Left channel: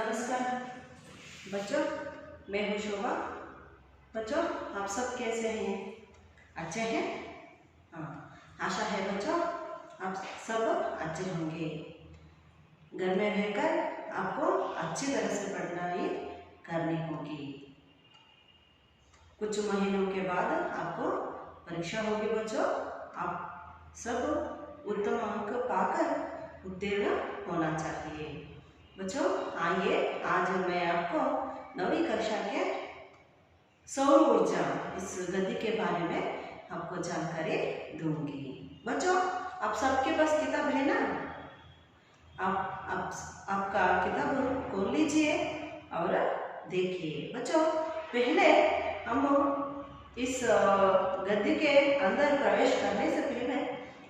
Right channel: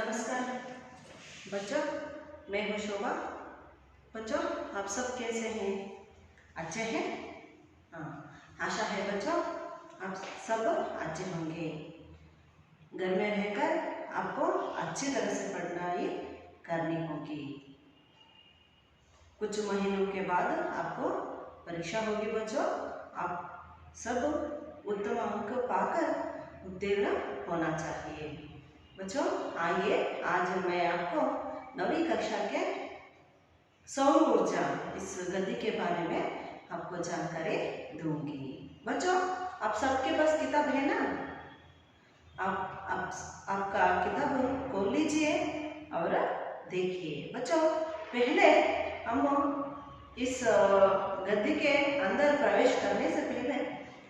नमस्कार बच्चों, मैं हूँ शोभा। बच्चों, आप सब कैसे हैं? अच्छे हैं? हाँ, आशा है बच्चों आप सब अच्छे होंगे। घर में रहकर आपको अच्छी तरह से पढ़ाई करनी होगी। कुछ महीनों के बाद आपको परीक्षा होगी बच्चों। आप सब उत्तम अंक पाकर उत्तीर्ण होना चाहिए। बच्चों आइए, आज मैं आपको 9वीं कक्षा के सौर ऊर्जा इस गति के बारे में आपको जानकारी दूंगी। बच्चों, आप सबके पास किताब है ना? आपका किताब खोल लीजिए और देखिए। बच्चों, पहले हम इस गद्य के अंदर प्रवेश करने से पहले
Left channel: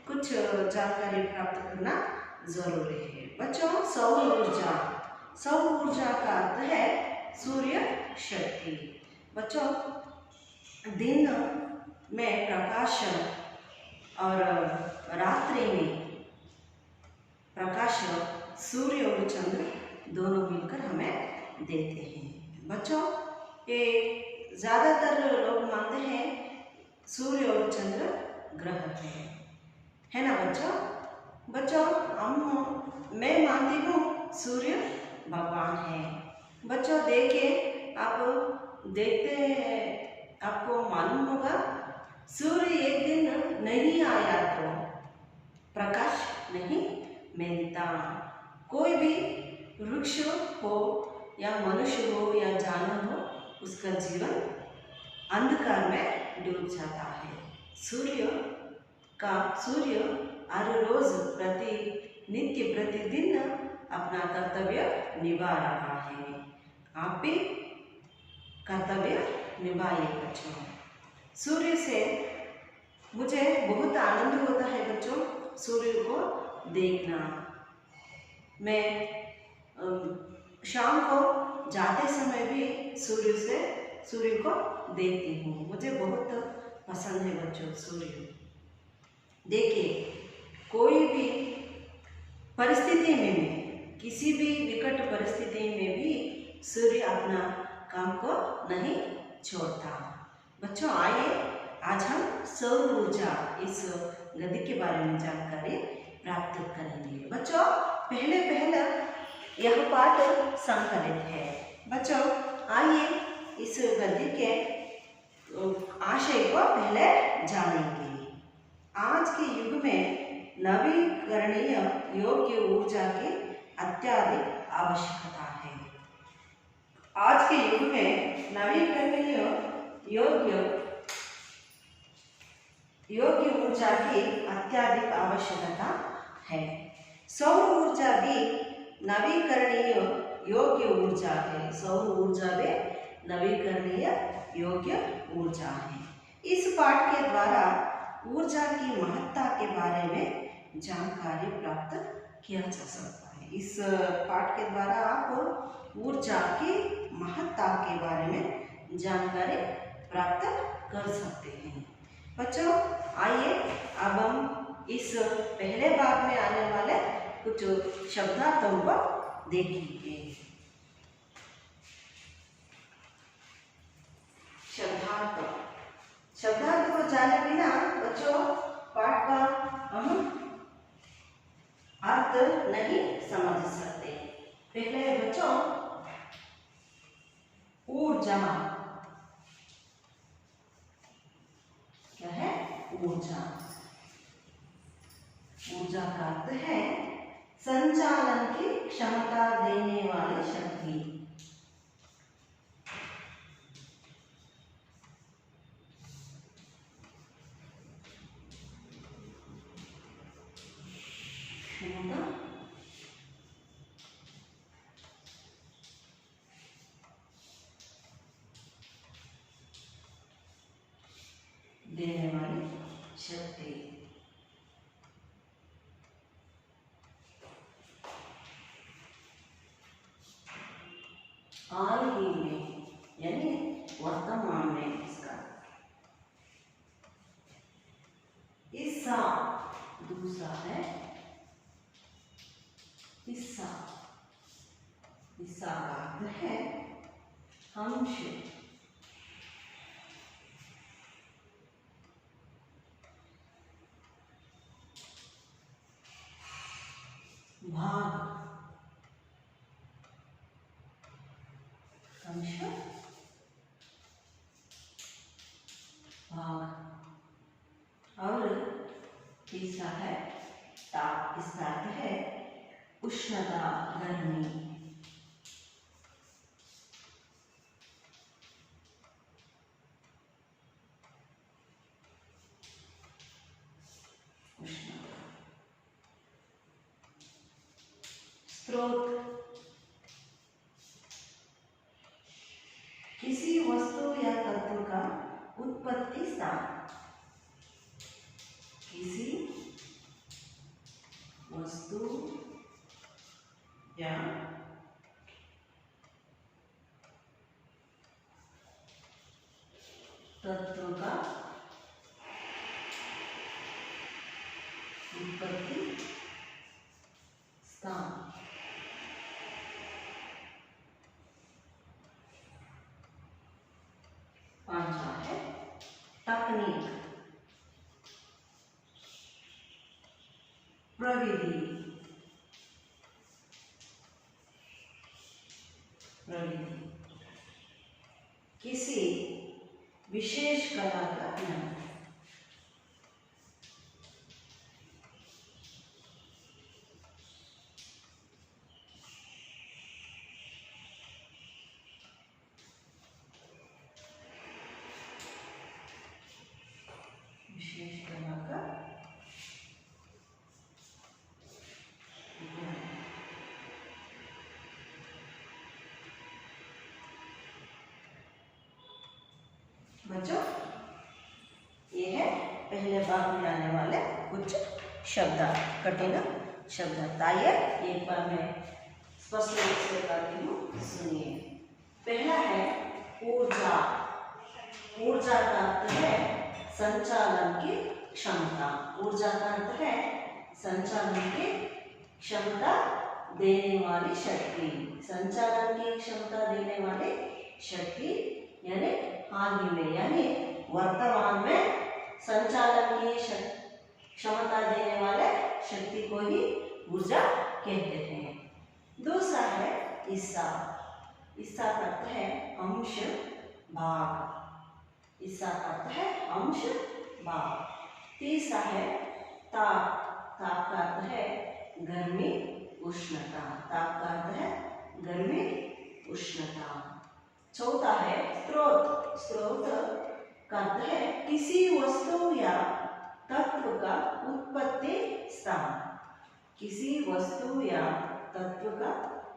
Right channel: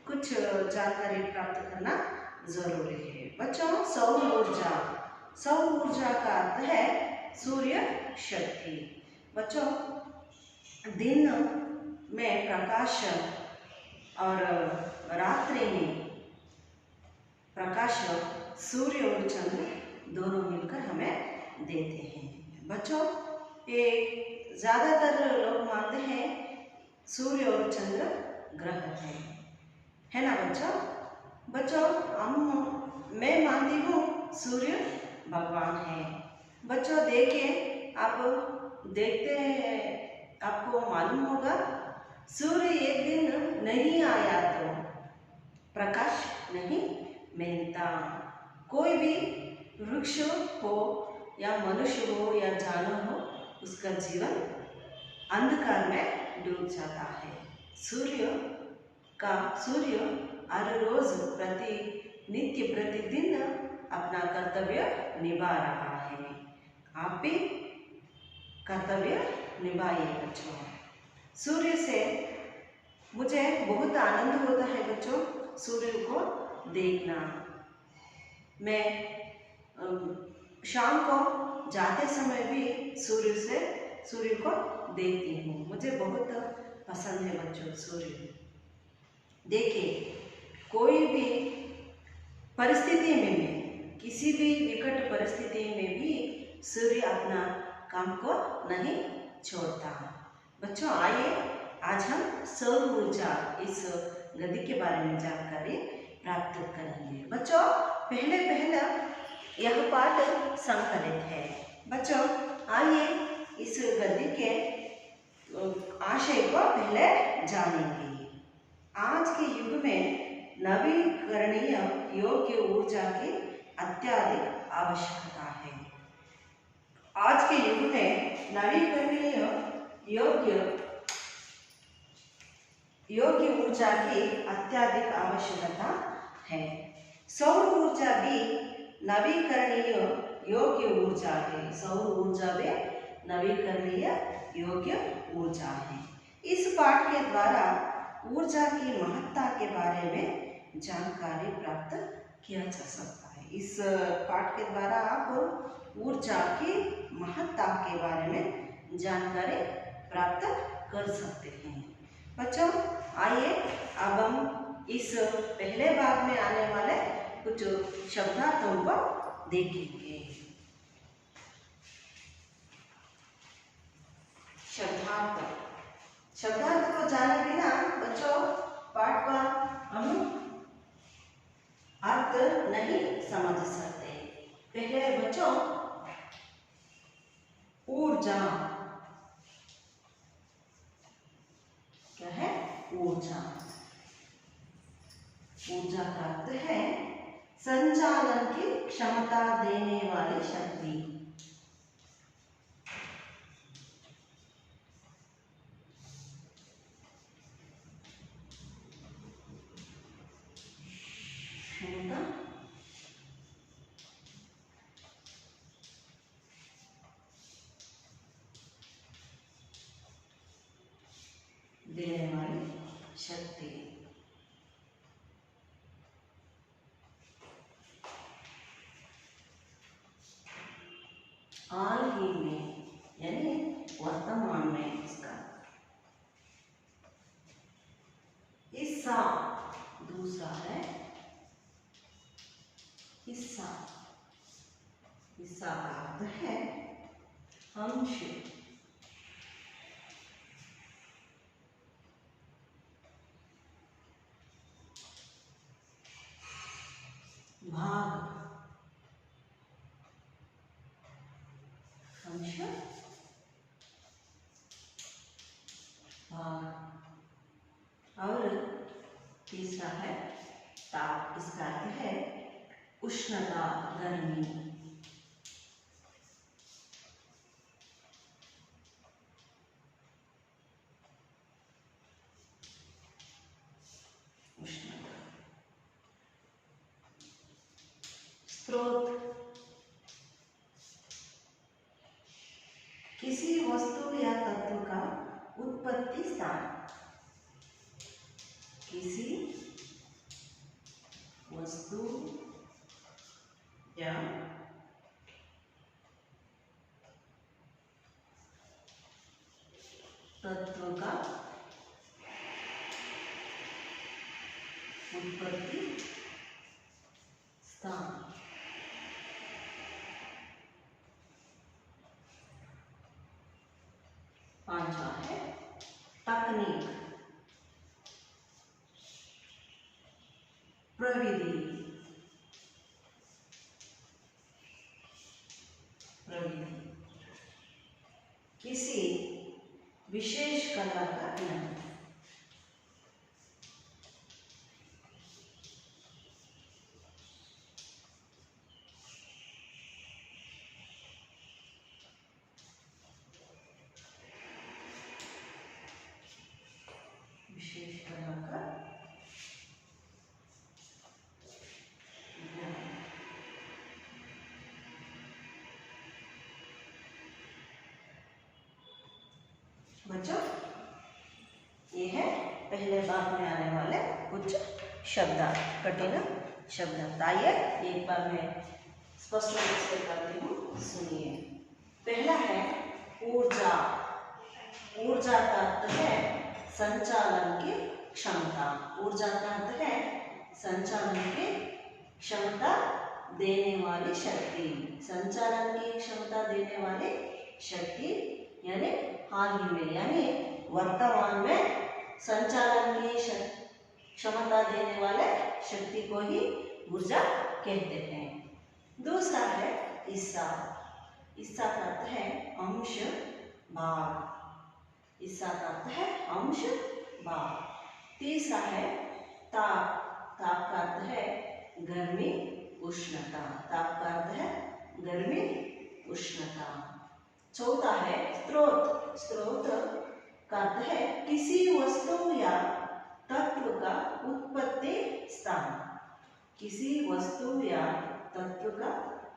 कुछ जानकारी प्राप्त करना जरूरी है। बच्चों, सौर ऊर्जा, सौर ऊर्जा का अर्थ है सूर्य शक्ति। बच्चों, दिन में प्रकाश और रात्रि में प्रकाश सूर्य और चंद्र दोनों मिलकर हमें देते हैं। बच्चों, ये ज़्यादातर लोग मानते हैं सूर्य और चंद्र ग्रह है ना बच्चों? बच्चों, मैं मानती हूँ सूर्य भगवान है। बच्चों देखिए, आप देखते हैं, आपको मालूम होगा सूर्य एक दिन नहीं आया तो प्रकाश नहीं मिलता। कोई भी वृक्ष हो या मनुष्य हो या जानवर हो, उसका जीवन अंधकार में डूब जाता है। सूर्य हर रोज नित्य प्रतिदिन अपना कर्तव्य निभा रहा है। आप भी कर्तव्य निभाइए बच्चों। सूर्य से मुझे बहुत आनंद होता है बच्चों, सूर्य को देखना। मैं शाम को जाते समय भी सूर्य को देखती हूँ। मुझे बहुत पसंद है बच्चों सूर्य। देखिए, कोई भी परिस्थिति में, किसी भी विकट परिस्थिति में भी सूर्य अपना काम को नहीं छोड़ता। बच्चों आइए, आज हम सौर ऊर्जा इस गति के बारे में जानकारी प्राप्त करेंगे। बच्चों, पहले यह पाठ संकलित है। बच्चों आइए, इस गद्य के आशय को पहले जानेंगे। आज के युग में नवीकरणीय योग्य ऊर्जा की अत्यधिक आवश्यकता है। आज के युग में नवीकरणीय योग्य ऊर्जा की अत्यधिक आवश्यकता है। सौर ऊर्जा भी नवीकरणीय योग्य ऊर्जा है। सौर ऊर्जा भी नवीकरणीय योग्य ऊर्जा है। इस पाठ के द्वारा ऊर्जा की महत्ता के बारे में जानकारी प्राप्त किया जा सकता है। इस पाठ के द्वारा आप ऊर्जा की महत्ता के बारे में जानकारी प्राप्त कर सकते हैं। बच्चों आइए, अब हम इस पहले भाग में आने वाले कुछ शब्दार्थों को देखेंगे। शब्दार्थ को जाने बिना बच्चों पाठ का हम अर्थ नहीं समझ सकते। पहले बच्चों, ऊर्जा क्या है? ऊर्जा का अर्थ है संचालन की क्षमता देने वाली शक्ति। देने वाली शक्ति। इसका अर्थ है अंश, भाग, अंश भाग। और तीसरा है ताप, इसका अर्थ है उष्णता, गर्मी। उष्णता। स्रोत, किसी वस्तु या तत्व का उत्पत्ति स्थान, किसी वस्तु या तत्व का उत्पत्ति स्थान। पांचवा है तकनीक, प्रविधि, प्रविधि, किसी विशेष कला का ज्ञान, विशेष कला का ज्ञान। बच्चों, ये है पहले भाग में आने वाले कुछ शब्द, कठिन शब्द। आइए एक बार मैं स्पष्ट रूप से करती हूँ, सुनिए। पहला है ऊर्जा। ऊर्जा का अर्थ है संचालन की क्षमता। ऊर्जा का अर्थ है संचालन की क्षमता देने वाली शक्ति। संचालन की क्षमता देने वाली शक्ति यानी हाल ही में यानी वर्तमान में संचालन की क्षमता देने वाले शक्ति को ही ऊर्जा कहते हैं। दूसरा है हिस्सा। हिस्सा का अर्थ है अंश, भाग। हिस्सा का अर्थ है अंश, भाग। तीसरा है ताप। ताप का अर्थ है गर्मी, उष्णता। ताप का अर्थ है गर्मी, उष्णता। चौथा है स्रोत। स्रोत का अर्थ है किसी वस्तु या तत्व का उत्पत्ति स्थान। किसी वस्तु या तत्व का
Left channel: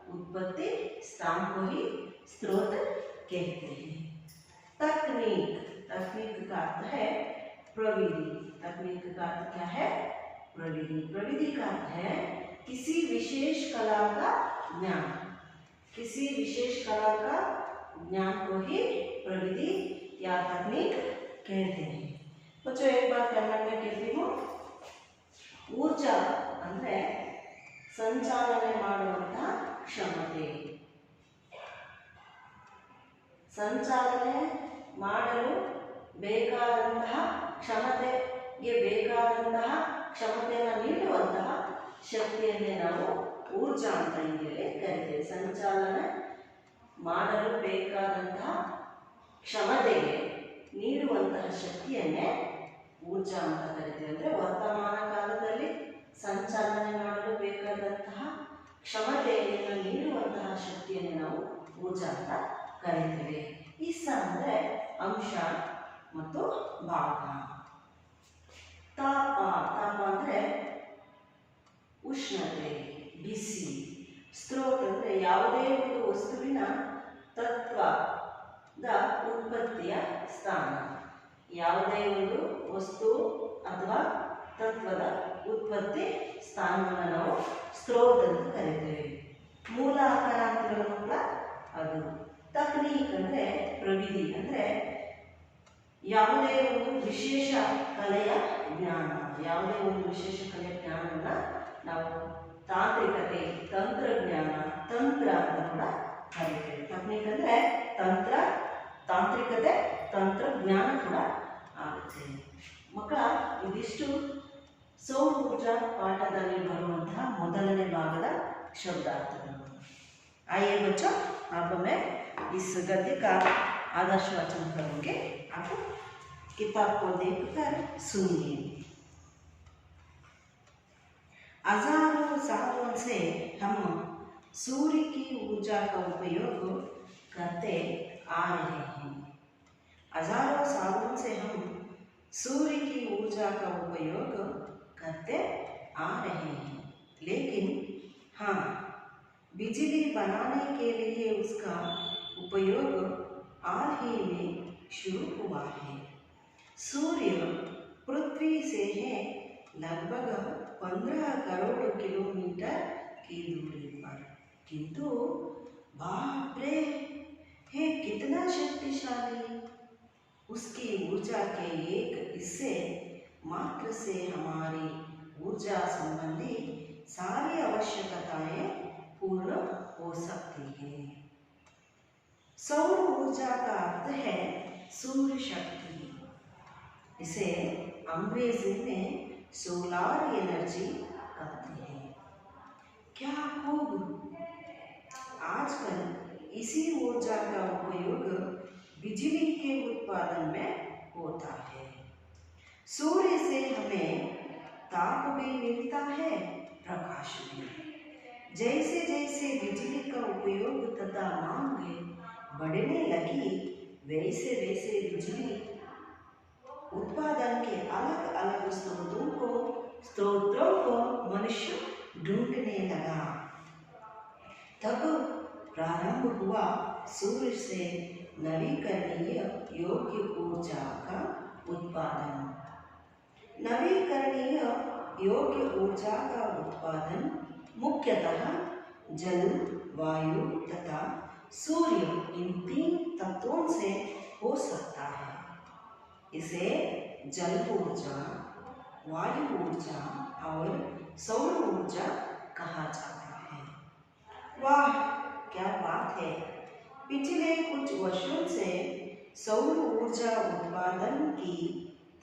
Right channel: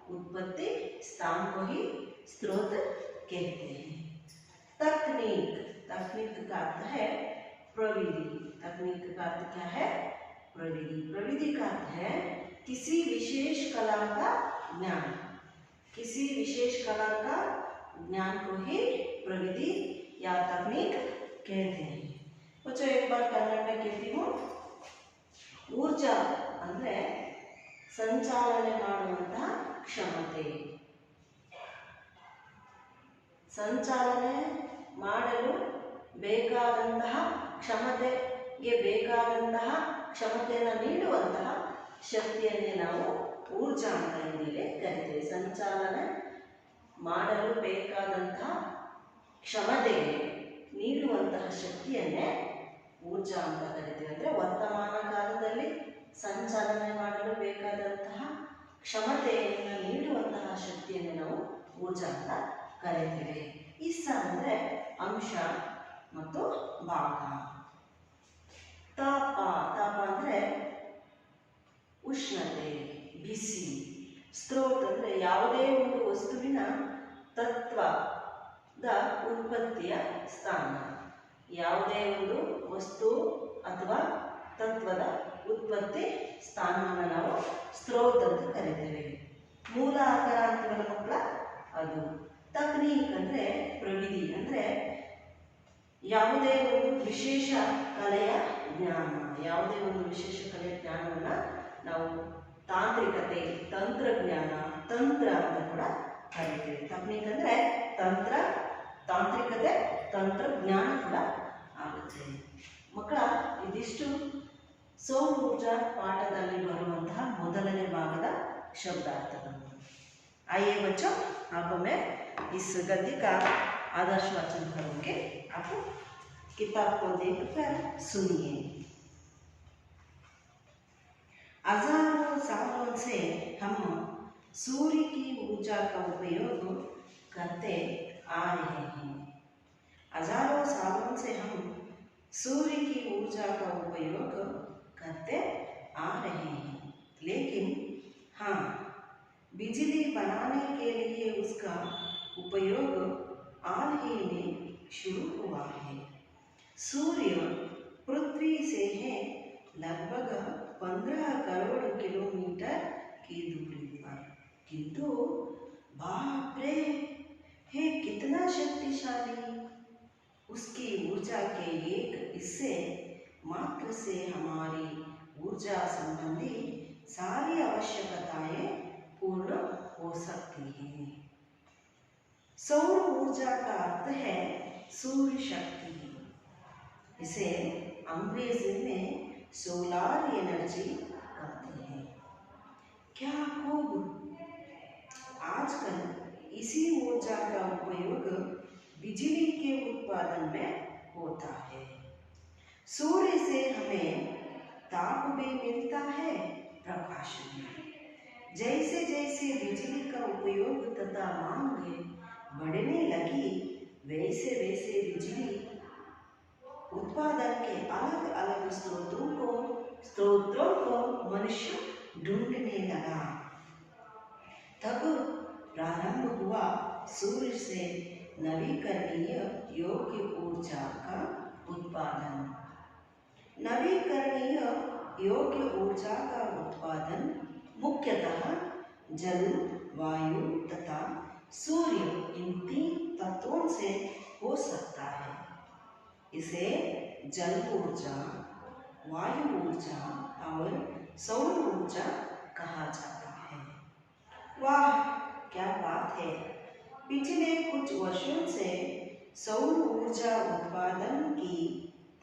उत्पत्ति स्थान को ही स्रोत कहते हैं। तकनीक। तकनीक का अर्थ है प्रविधि। तकनीक का अर्थ क्या है? प्रविधि। प्रविधि का अर्थ है किसी विशेष कला का ज्ञान। किसी विशेष कला का ज्ञान को ही प्रविधि या तकनीक कहते हैं। बच्चों, एक बार कन्नड़ में कहती हूँ। ऊर्जा ಅಂದ್ರೆ ಸಂಚಾಲನೆ ಮಾಡುವಂತಹ ಕ್ಷಮತೆ. ಸಂಚಾಲನೆ ಮಾಡಲು ಬೇಕಾದಂತಹ ಕ್ಷಮತೆಗೆ ಬೇಕಾದಂತಹ ಕ್ಷಮತೆಯನ್ನು ನೀಡುವಂತಹ ಶಕ್ತಿಯನ್ನೇ ನಾವು ಊರ್ಜಾ ಅಂತ ಇಂಗ್ಲಿಷಲ್ಲಿ ಕರೀತೇವೆ. ಸಂಚಾಲನೆ ಮಾಡಲು ಬೇಕಾದಂತಹ ಕ್ಷಮತೆಗೆ ನೀಡುವಂತಹ ಶಕ್ತಿಯನ್ನೇ ಊರ್ಜಾ ಅಂತ ಕರೀತೇವೆ. ಅಂದರೆ ವರ್ತಮಾನ ಕಾಲದಲ್ಲಿ ಸಂಚಾಲನೆ ಮಾಡಲು ಬೇಕಾದಂತಹ ಕ್ಷಮತೆಯನ್ನು ನೀಡುವಂತಹ ಶಕ್ತಿಯನ್ನು ನಾವು ಊರ್ಜಾ ಅಂತ ಕರೀತೇವೆ. ಹಿಸ್ಸ ಅಂದರೆ ಅಂಶ ಮತ್ತು ಭಾಗ. ತಾಪ. ತಾಪ ಅಂದರೆ ಉಷ್ಣತೆ, ಬಿಸಿ. ಸ್ರೋತ್ ಅಂದರೆ ಯಾವುದೇ ಒಂದು ವಸ್ತುವಿನ ತತ್ವದ ಉತ್ಪತ್ತಿಯ ಸ್ಥಾನ. ಯಾವುದೇ ಒಂದು ವಸ್ತು ಅಥವಾ ತತ್ವದ ಉತ್ಪತ್ತಿ ಸ್ಥಾನವನ್ನು ನಾವು ಸ್ರೋತ್ ಅಂತ ಕರೀತೇವೆ. ಮೂಲ ಆಕಾರ ಅಂತೀವಲ್ಲ ಮಕ್ಕಳ, ಅದು. ತಕ್ನೀಕ್ ಅಂದರೆ ಪ್ರವಿಧಿ, ಅಂದರೆ ಯಾವುದೇ ಒಂದು ವಿಶೇಷ ಕಲೆಯ ಜ್ಞಾನ. ಯಾವುದೇ ಒಂದು ವಿಶೇಷ ಕಲೆಯ ಜ್ಞಾನವನ್ನು ನಾವು ತಾಂತ್ರಿಕತೆ, ತಂತ್ರಜ್ಞಾನ, ತಂತ್ರ ಅಂತ ಕೂಡ ತಂತ್ರಜ್ಞಾನ ಕೂಡ ಆಗುತ್ತೆ. ಮಕ್ಕಳ ಇದಿಷ್ಟು ಸೌರ ऊर्जा ಪಾಠದಲ್ಲಿ ಬರುವಂತಹ ಮೊದಲನೇ ಭಾಗದ शब्दार्थಗಳು. आइए बच्चों, अब मैं इस गद्य का आदर्श वाचन करूँगी. आप किताब को देखकर सुनिए. हजारों सालों से हम सूर्य की ऊर्जा का उपयोग करते आ रहे हैं. हजारों सालों से हम सूर्य की ऊर्जा का उपयोग करते आ रहे हैं, लेकिन हाँ, बिजली बनाने के लिए उसका उपयोग हाल ही में शुरू हुआ है. सूर्य पृथ्वी से है लगभग 15 करोड़ किलोमीटर की दूरी पर, किंतु बाप रे, है कितना शक्तिशाली. उसकी ऊर्जा के एक हिस्से मात्र से हमारी ऊर्जा संबंधी सारी आवश्यकताएं पूर्ण हो सकती हैं. सौर ऊर्जा का अर्थ है सूर्य शक्ति. इसे अंग्रेजी में सोलार एनर्जी कहते हैं. क्या खूब. आजकल इसी ऊर्जा का उपयोग बिजली के उत्पादन में होता है. सूर्य से हमें ताप भी मिलता है, प्रकाश भी. जैसे जैसे बिजली का उपयोग तथा मांग बढ़ने लगी, वैसे वैसे बिजली उत्पादन के अलग अलग स्रोतों को मनुष्य ढूंढने लगा. तब प्रारंभ हुआ सूर्य से नवीकरणीय योग्य ऊर्जा का उत्पादन. नवीकरणीय योग्य ऊर्जा का उत्पादन मुख्यतः जल, वायु तथा सूर्य, इन 3 तत्वों से हो सकता है. इसे जल ऊर्जा, वायु ऊर्जा और सौर ऊर्जा कहा जाता है. वाह, क्या बात है. पिछले कुछ वर्षों से सौर ऊर्जा उत्पादन की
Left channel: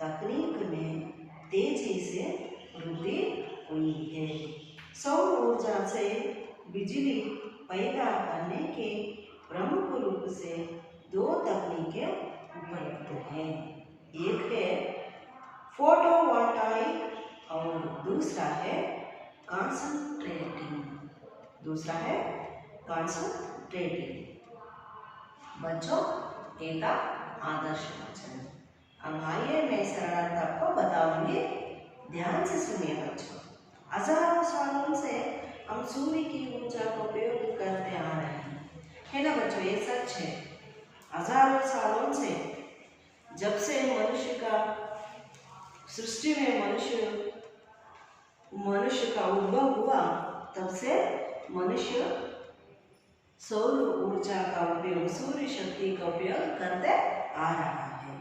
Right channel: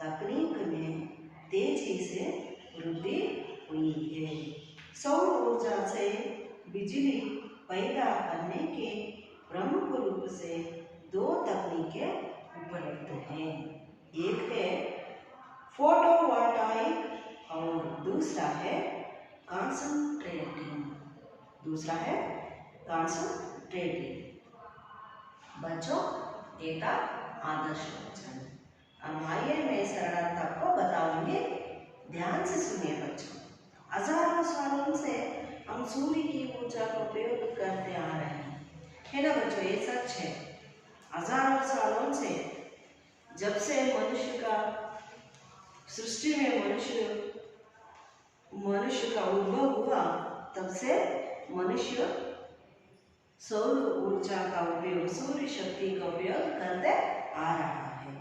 तकनीक में तेजी से वृद्धि हुई है. सौर ऊर्जा से बिजली पैदा करने के प्रमुख रूप से 2 तकनीकें उपलब्ध हैं. एक है फोटोवोल्टाइक और दूसरा है कंसंट्रेटिंग. बच्चों, एक आदर्श वचन. अब आइए मैं सरलता को बताऊंगी. ध्यान से सुनिए बच्चों. हजारों सालों से हम सूर्य की ऊर्जा का उपयोग करते आ रहे हैं, है ना बच्चों? ये सच है. हजारों सालों से, जब से मनुष्य का सृष्टि में मनुष्य का उद्भव हुआ, तब से मनुष्य सौर ऊर्जा का उपयोग, सूर्य शक्ति का उपयोग करते आ रहा है.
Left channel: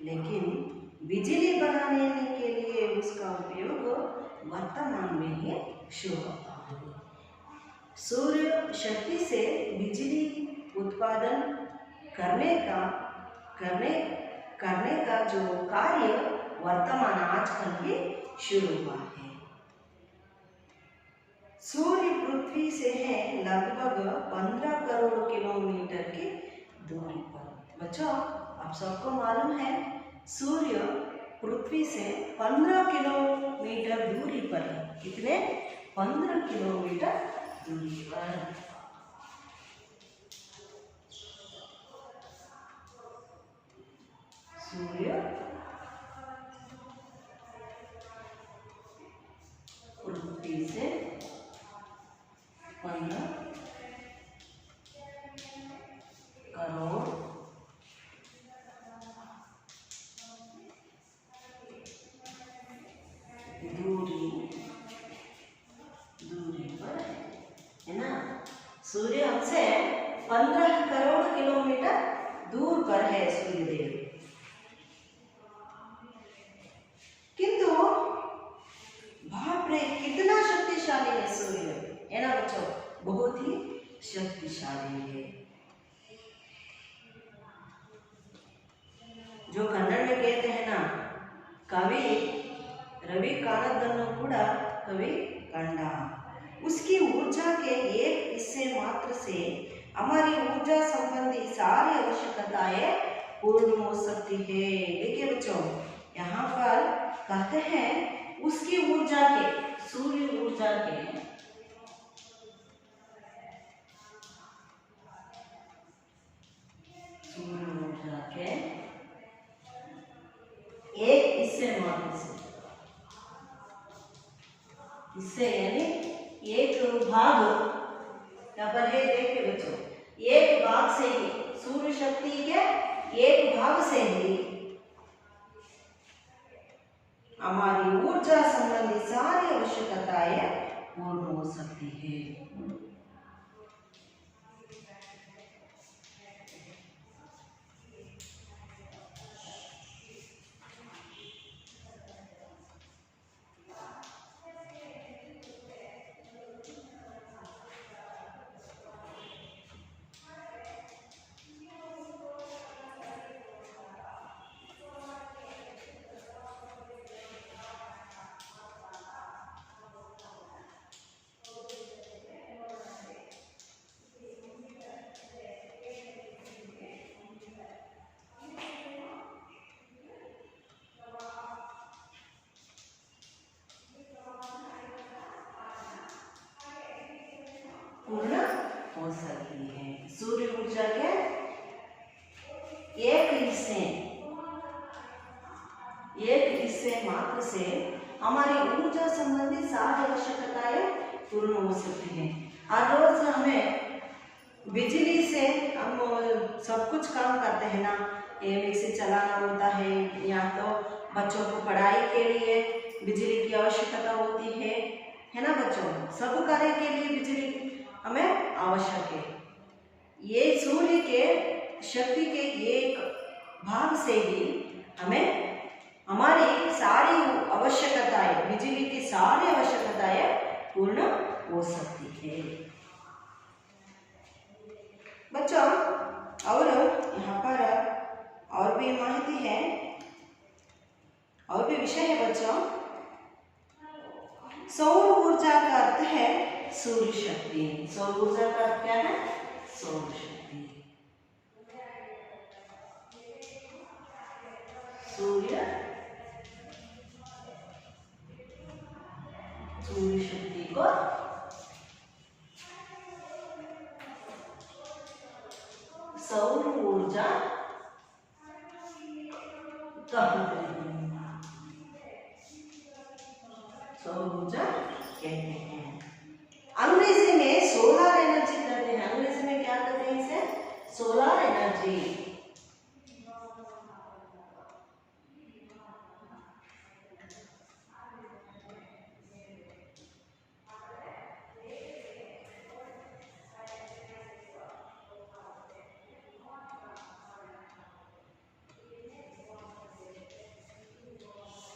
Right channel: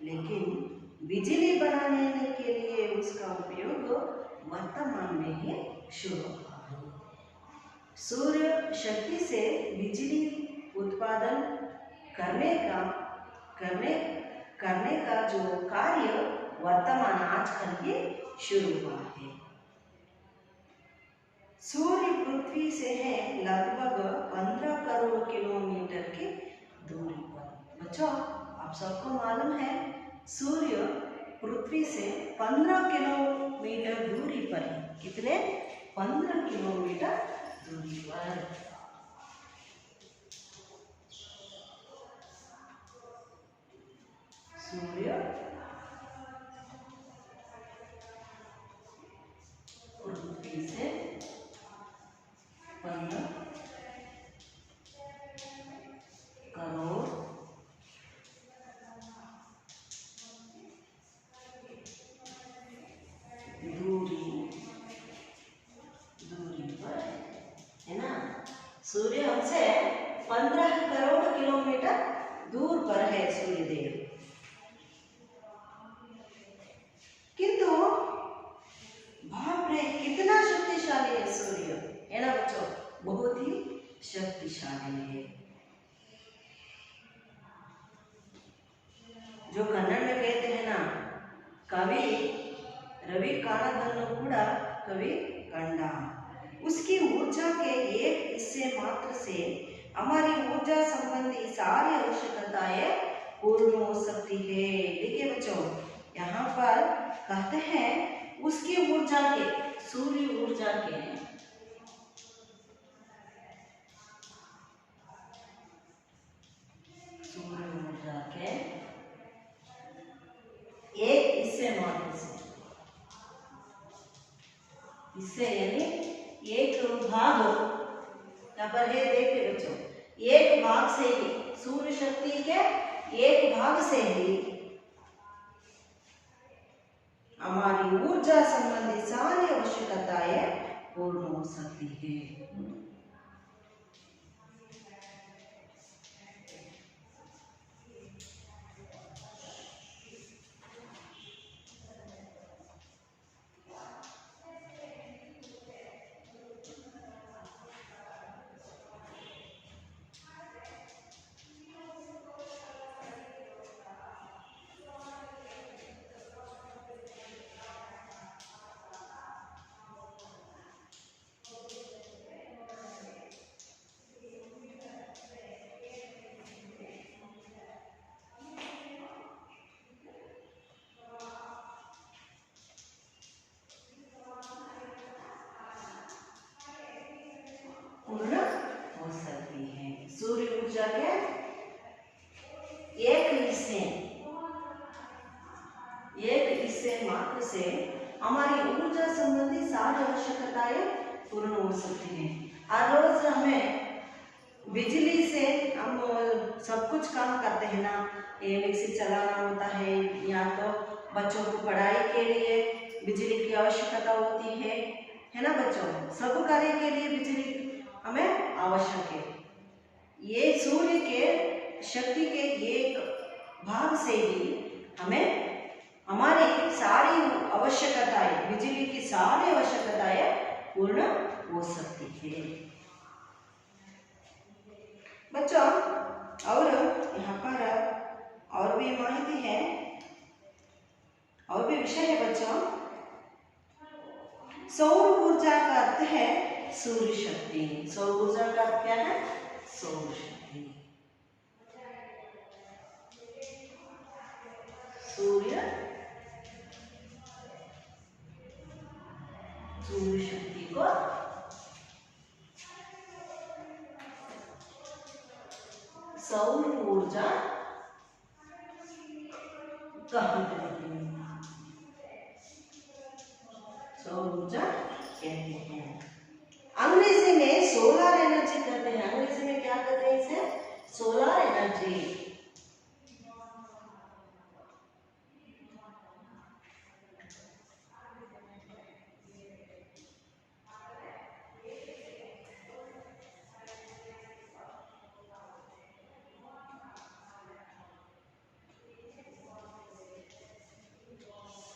लेकिन बिजली बनाने के लिए उसका उपयोग वर्तमान में ही शुरू हुआ है. सूर्य शक्ति से बिजली उत्पादन करने का जो कार्य वर्तमान आजकल ही शुरू हुआ है. सूर्य पृथ्वी से है लगभग 15 करोड़ किलोमीटर की दूरी पर. बच्चों, आप सबको मालूम है सूर्य पृथ्वी से 15 किलोमीटर दूरी पर है. कितने? 15 किलोमीटर दूरी पर. सूर्य पृथ्वी से 15 करोड़ दूरी पर है ना. सूर्य हमसे 15 करोड़ किलोमीटर दूर पर है सूर्यदेव. किंतु बाप रे, कितना शक्तिशाली है सूर्य, है ना बच्चों? बहुत ही शक्तिशाली है. जो कन्नड़ में कहते हैं ना, कवि रवि काणदನ್ನು ಕೂಡ कवि कंडा। उसकी ऊर्जा के एक हिस्से मात्र से हमारी ऊर्जा संबंधी सारी आवश्यकताएं पूर्ण हो सकती है। देखिए बच्चों, यहाँ पर कहते हैं उसकी ऊर्जा के, सूर्य ऊर्जा के एक हिस्से मात्र से, हिस्से यानी एक भाग, यहाँ पर है देखिए बच्चों, एक भाग से ही, सूर्य शक्ति के एक भाग से ही हमारी ऊर्जा संबंधी सारी आवश्यकताएं पूर्ण हो सकती है। पूर्ण हो सकती है। सूर्य ऊर्जा के एक हिस्से मात्र से हमारी ऊर्जा संबंधी सारी आवश्यकताएं पूर्ण हो सकती हैं। हर रोज हमें बिजली से हम सब कुछ काम करते हैं ना, ये मिक्सी चलाना होता है, या तो बच्चों को पढ़ाई के लिए बिजली की आवश्यकता होती है ना बच्चों, सब कार्य के लिए बिजली हमें आवश्यक है। ये सूर्य के शक्ति के एक भाग से ही हमें हमारी सारी आवश्यकताएं, बिजली की सारी आवश्यकताएं पूर्ण हो सकती है बच्चों। और यहाँ पर और भी माहिती है, और भी विषय है बच्चों। सौर ऊर्जा का अर्थ है सूर्य शक्ति। सौर ऊर्जा का अर्थ क्या है? सौर शक्ति। सूर्य शक्ति को सौर ऊर्जा कहते हैं, सौर ऊर्जा कहते हैं। अंग्रेजी में सोलर एनर्जी कहते हैं। अंग्रेजी में क्या कहते हैं इसे? Solar energy.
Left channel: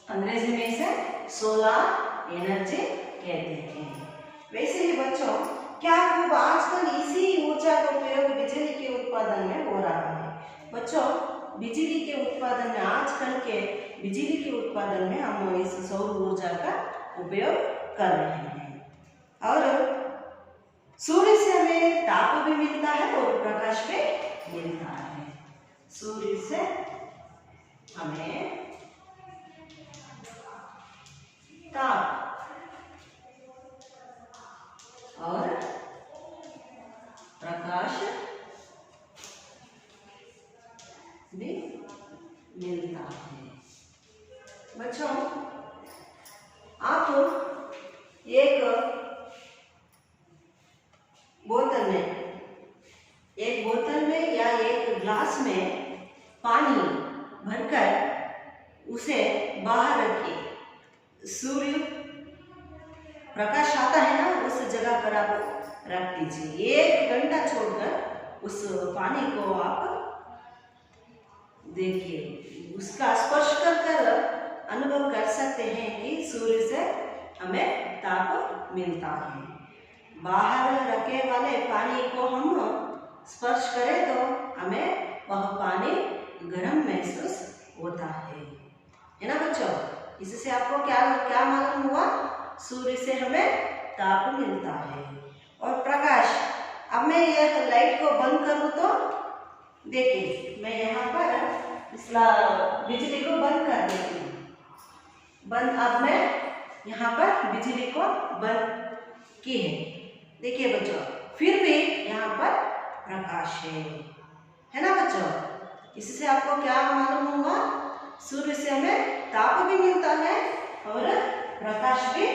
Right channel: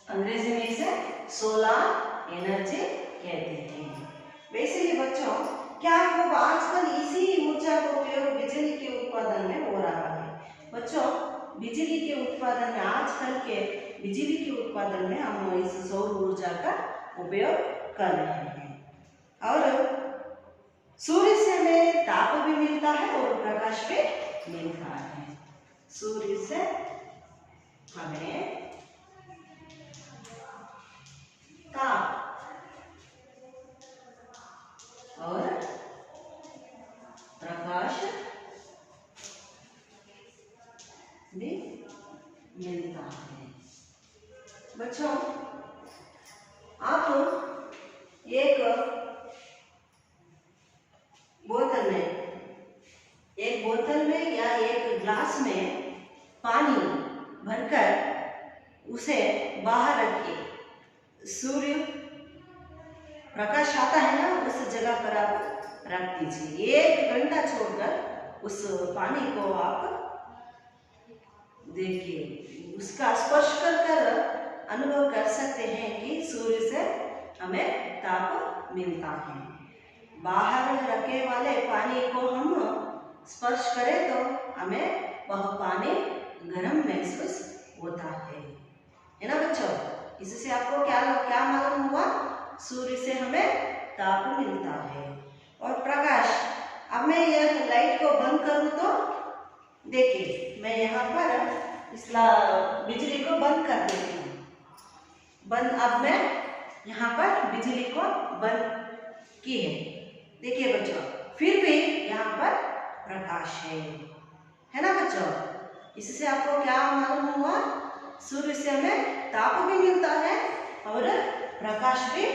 अंग्रेजी में इसे सोलर एनर्जी कहते हैं। वैसे ही बच्चों, क्या खूब आजकल इसी ऊर्जा का उपयोग बिजली के उत्पादन में हो रहा है। बच्चों, बिजली के उत्पादन में, आजकल के बिजली के उत्पादन में हम इस सौर ऊर्जा का उपयोग कर रहे हैं। और सूर्य से हमें ताप भी मिलता है और प्रकाश भी मिलता है। सूर्य से हमें ताप और प्रकाश भी मिलता है। बच्चों, आप एक बोतल में या एक ग्लास में पानी भरकर उसे बाहर रखिए। सूर्य प्रकाश आता है ना, उस जगह पर आप रख दीजिए। 1 घंटा छोड़कर उस पानी को आप देखिए, उसका स्पर्श कर अनुभव कर सकते हैं कि सूर्य से हमें ताप मिलता है। बाहर रखे वाले पानी को हम स्पर्श करें तो हमें वह पानी गर्म महसूस होता है ना बच्चों। इससे आपको क्या क्या मालूम हुआ? सूर्य से हमें ताप मिलता है और प्रकाश। अब मैं यह लाइट को बंद करूं तो देखिए, मैं यहाँ पर इस बिजली को बंद कर देती हूँ। बंद। अब मैं यहाँ पर बिजली को बंद की देखिए बच्चों, फिर भी यहाँ पर प्रकाश है ना बच्चों। इससे आपको क्या मालूम हुआ? सूर्य से हमें ताप भी मिलता है और प्रकाश भी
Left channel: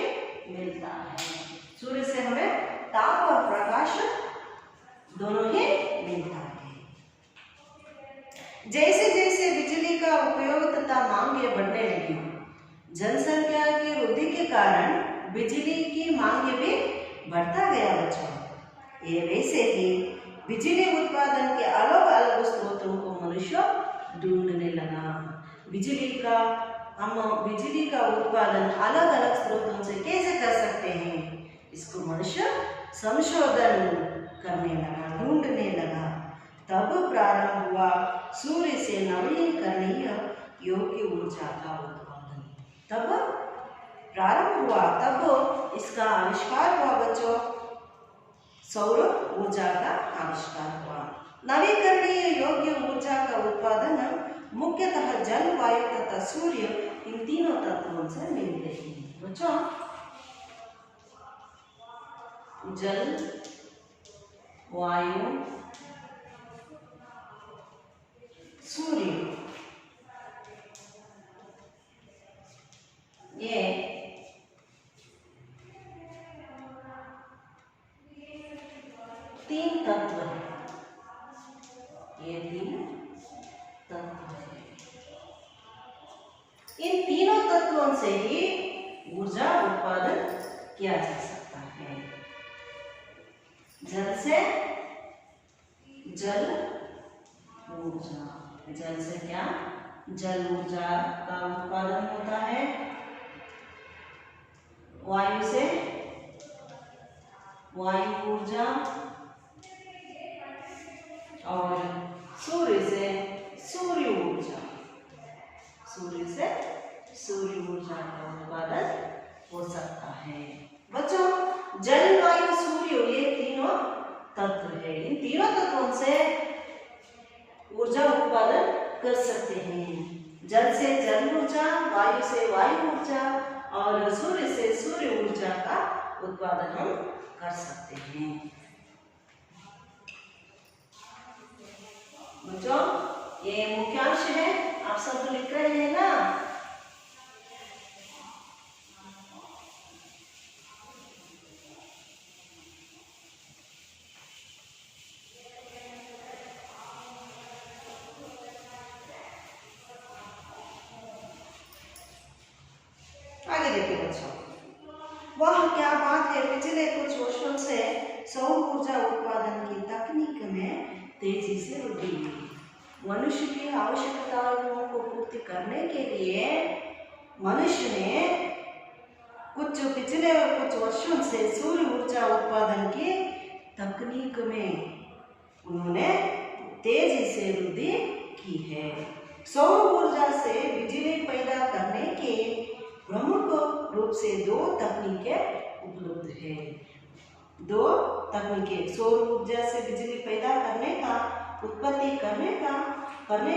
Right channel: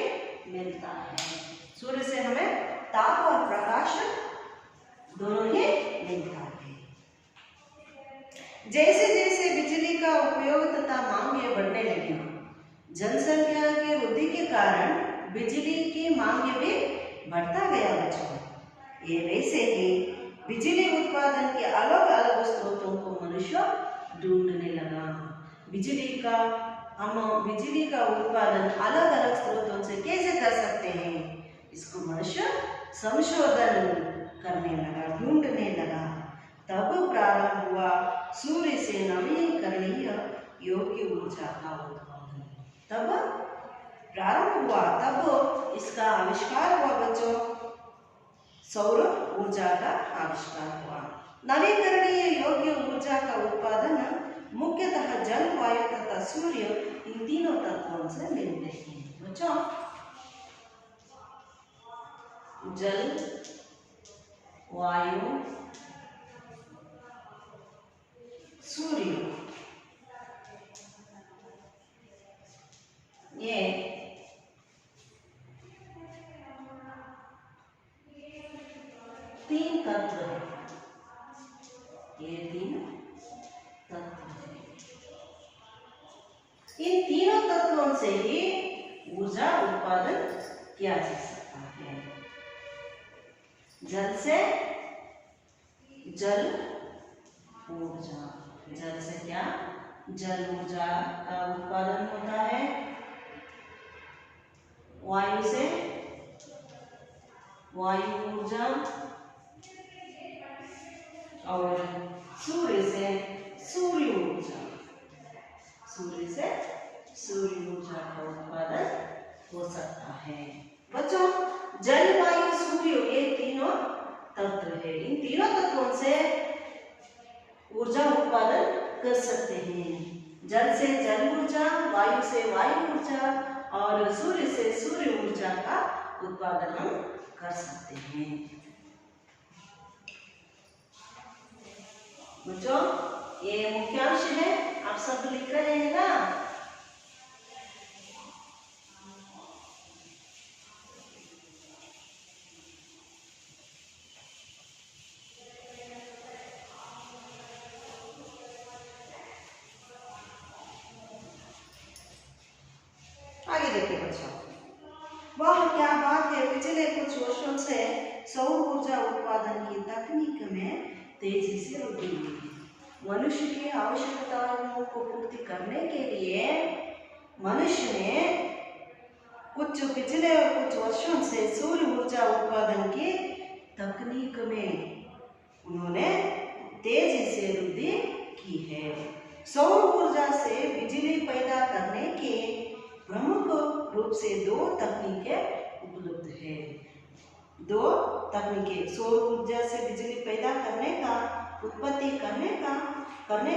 मिलता है। सूर्य से हमें ताप और प्रकाश दोनों ही मिलता है। जैसे जैसे बिजली का उपयोग तथा मांगें बढ़ने लगी, जनसंख्या की वृद्धि के कारण बिजली की मांग भी बढ़ता गया बच्चों। ये वैसे ही बिजली उत्पादन के अलग अलग स्रोतों को मनुष्य ढूंढने लगा। बिजली का उत्पादन अलग अलग स्रोतों से कैसे कर सकते हैं, इसको मनुष्य संशोधन करने लगा, ढूंढने लगा। तब प्रारंभ हुआ सूर्य से नवीकरणीय योग्य ऊर्जा का उत्पादन। तब प्रारंभ हुआ, तब इसका आविष्कार हुआ बच्चों, सौर ऊर्जा का आविष्कार हुआ। नवीकरणीय योग्य ऊर्जा का उत्पादन मुख्यतः जल, वायु तथा सूर्य, इन तीनों तत्वों से मिलते हैं बच्चों। जल, वायु, सूर्य, ये तीन तत्व है। ये तीन तत्व है। इन तीनों तत्वों से ही ऊर्जा उत्पादन किया जा सकता है। जल से जल ऊर्जा, जल से क्या? जल ऊर्जा का उत्पादन होता है। वायु से वायु ऊर्जा और सूर्य से सूर्य ऊर्जा। सूर्य से सूर्य ऊर्जा का उत्पादन हो सकता है बच्चों। जल, वायु, सूर्य, ये तीनों तत्व है। इन तीनों तत्वों से ऊर्जा उत्पादन कर सकते हैं। जल से जल ऊर्जा, वायु से वायु ऊर्जा और सूर्य से सूर्य ऊर्जा का उत्पादन हम कर सकते हैं बच्चों। ये मुख्यांश है, आप सब लिख रहे हैं ना? आगे देखिए बच्चों, वह क्या बात है, पिछले कुछ वर्षों से सौर ऊर्जा उत्पादन की तकनीक में तेजी से वृद्धि हुई है। मनुष्य की आवश्यकताओं को पूर्ति करने के लिए मनुष्य ने पिछले कुछ वर्षों से सौर ऊर्जा उत्पादन की तकनीक में उन्होंने तेजी से वृद्धि की है। सौर ऊर्जा से बिजली पैदा करने के प्रमुख रूप से दो तकनीकें उपलब्ध है। दो तकनीकें, सौर ऊर्जा से बिजली पैदा करने का, उत्पत्ति करने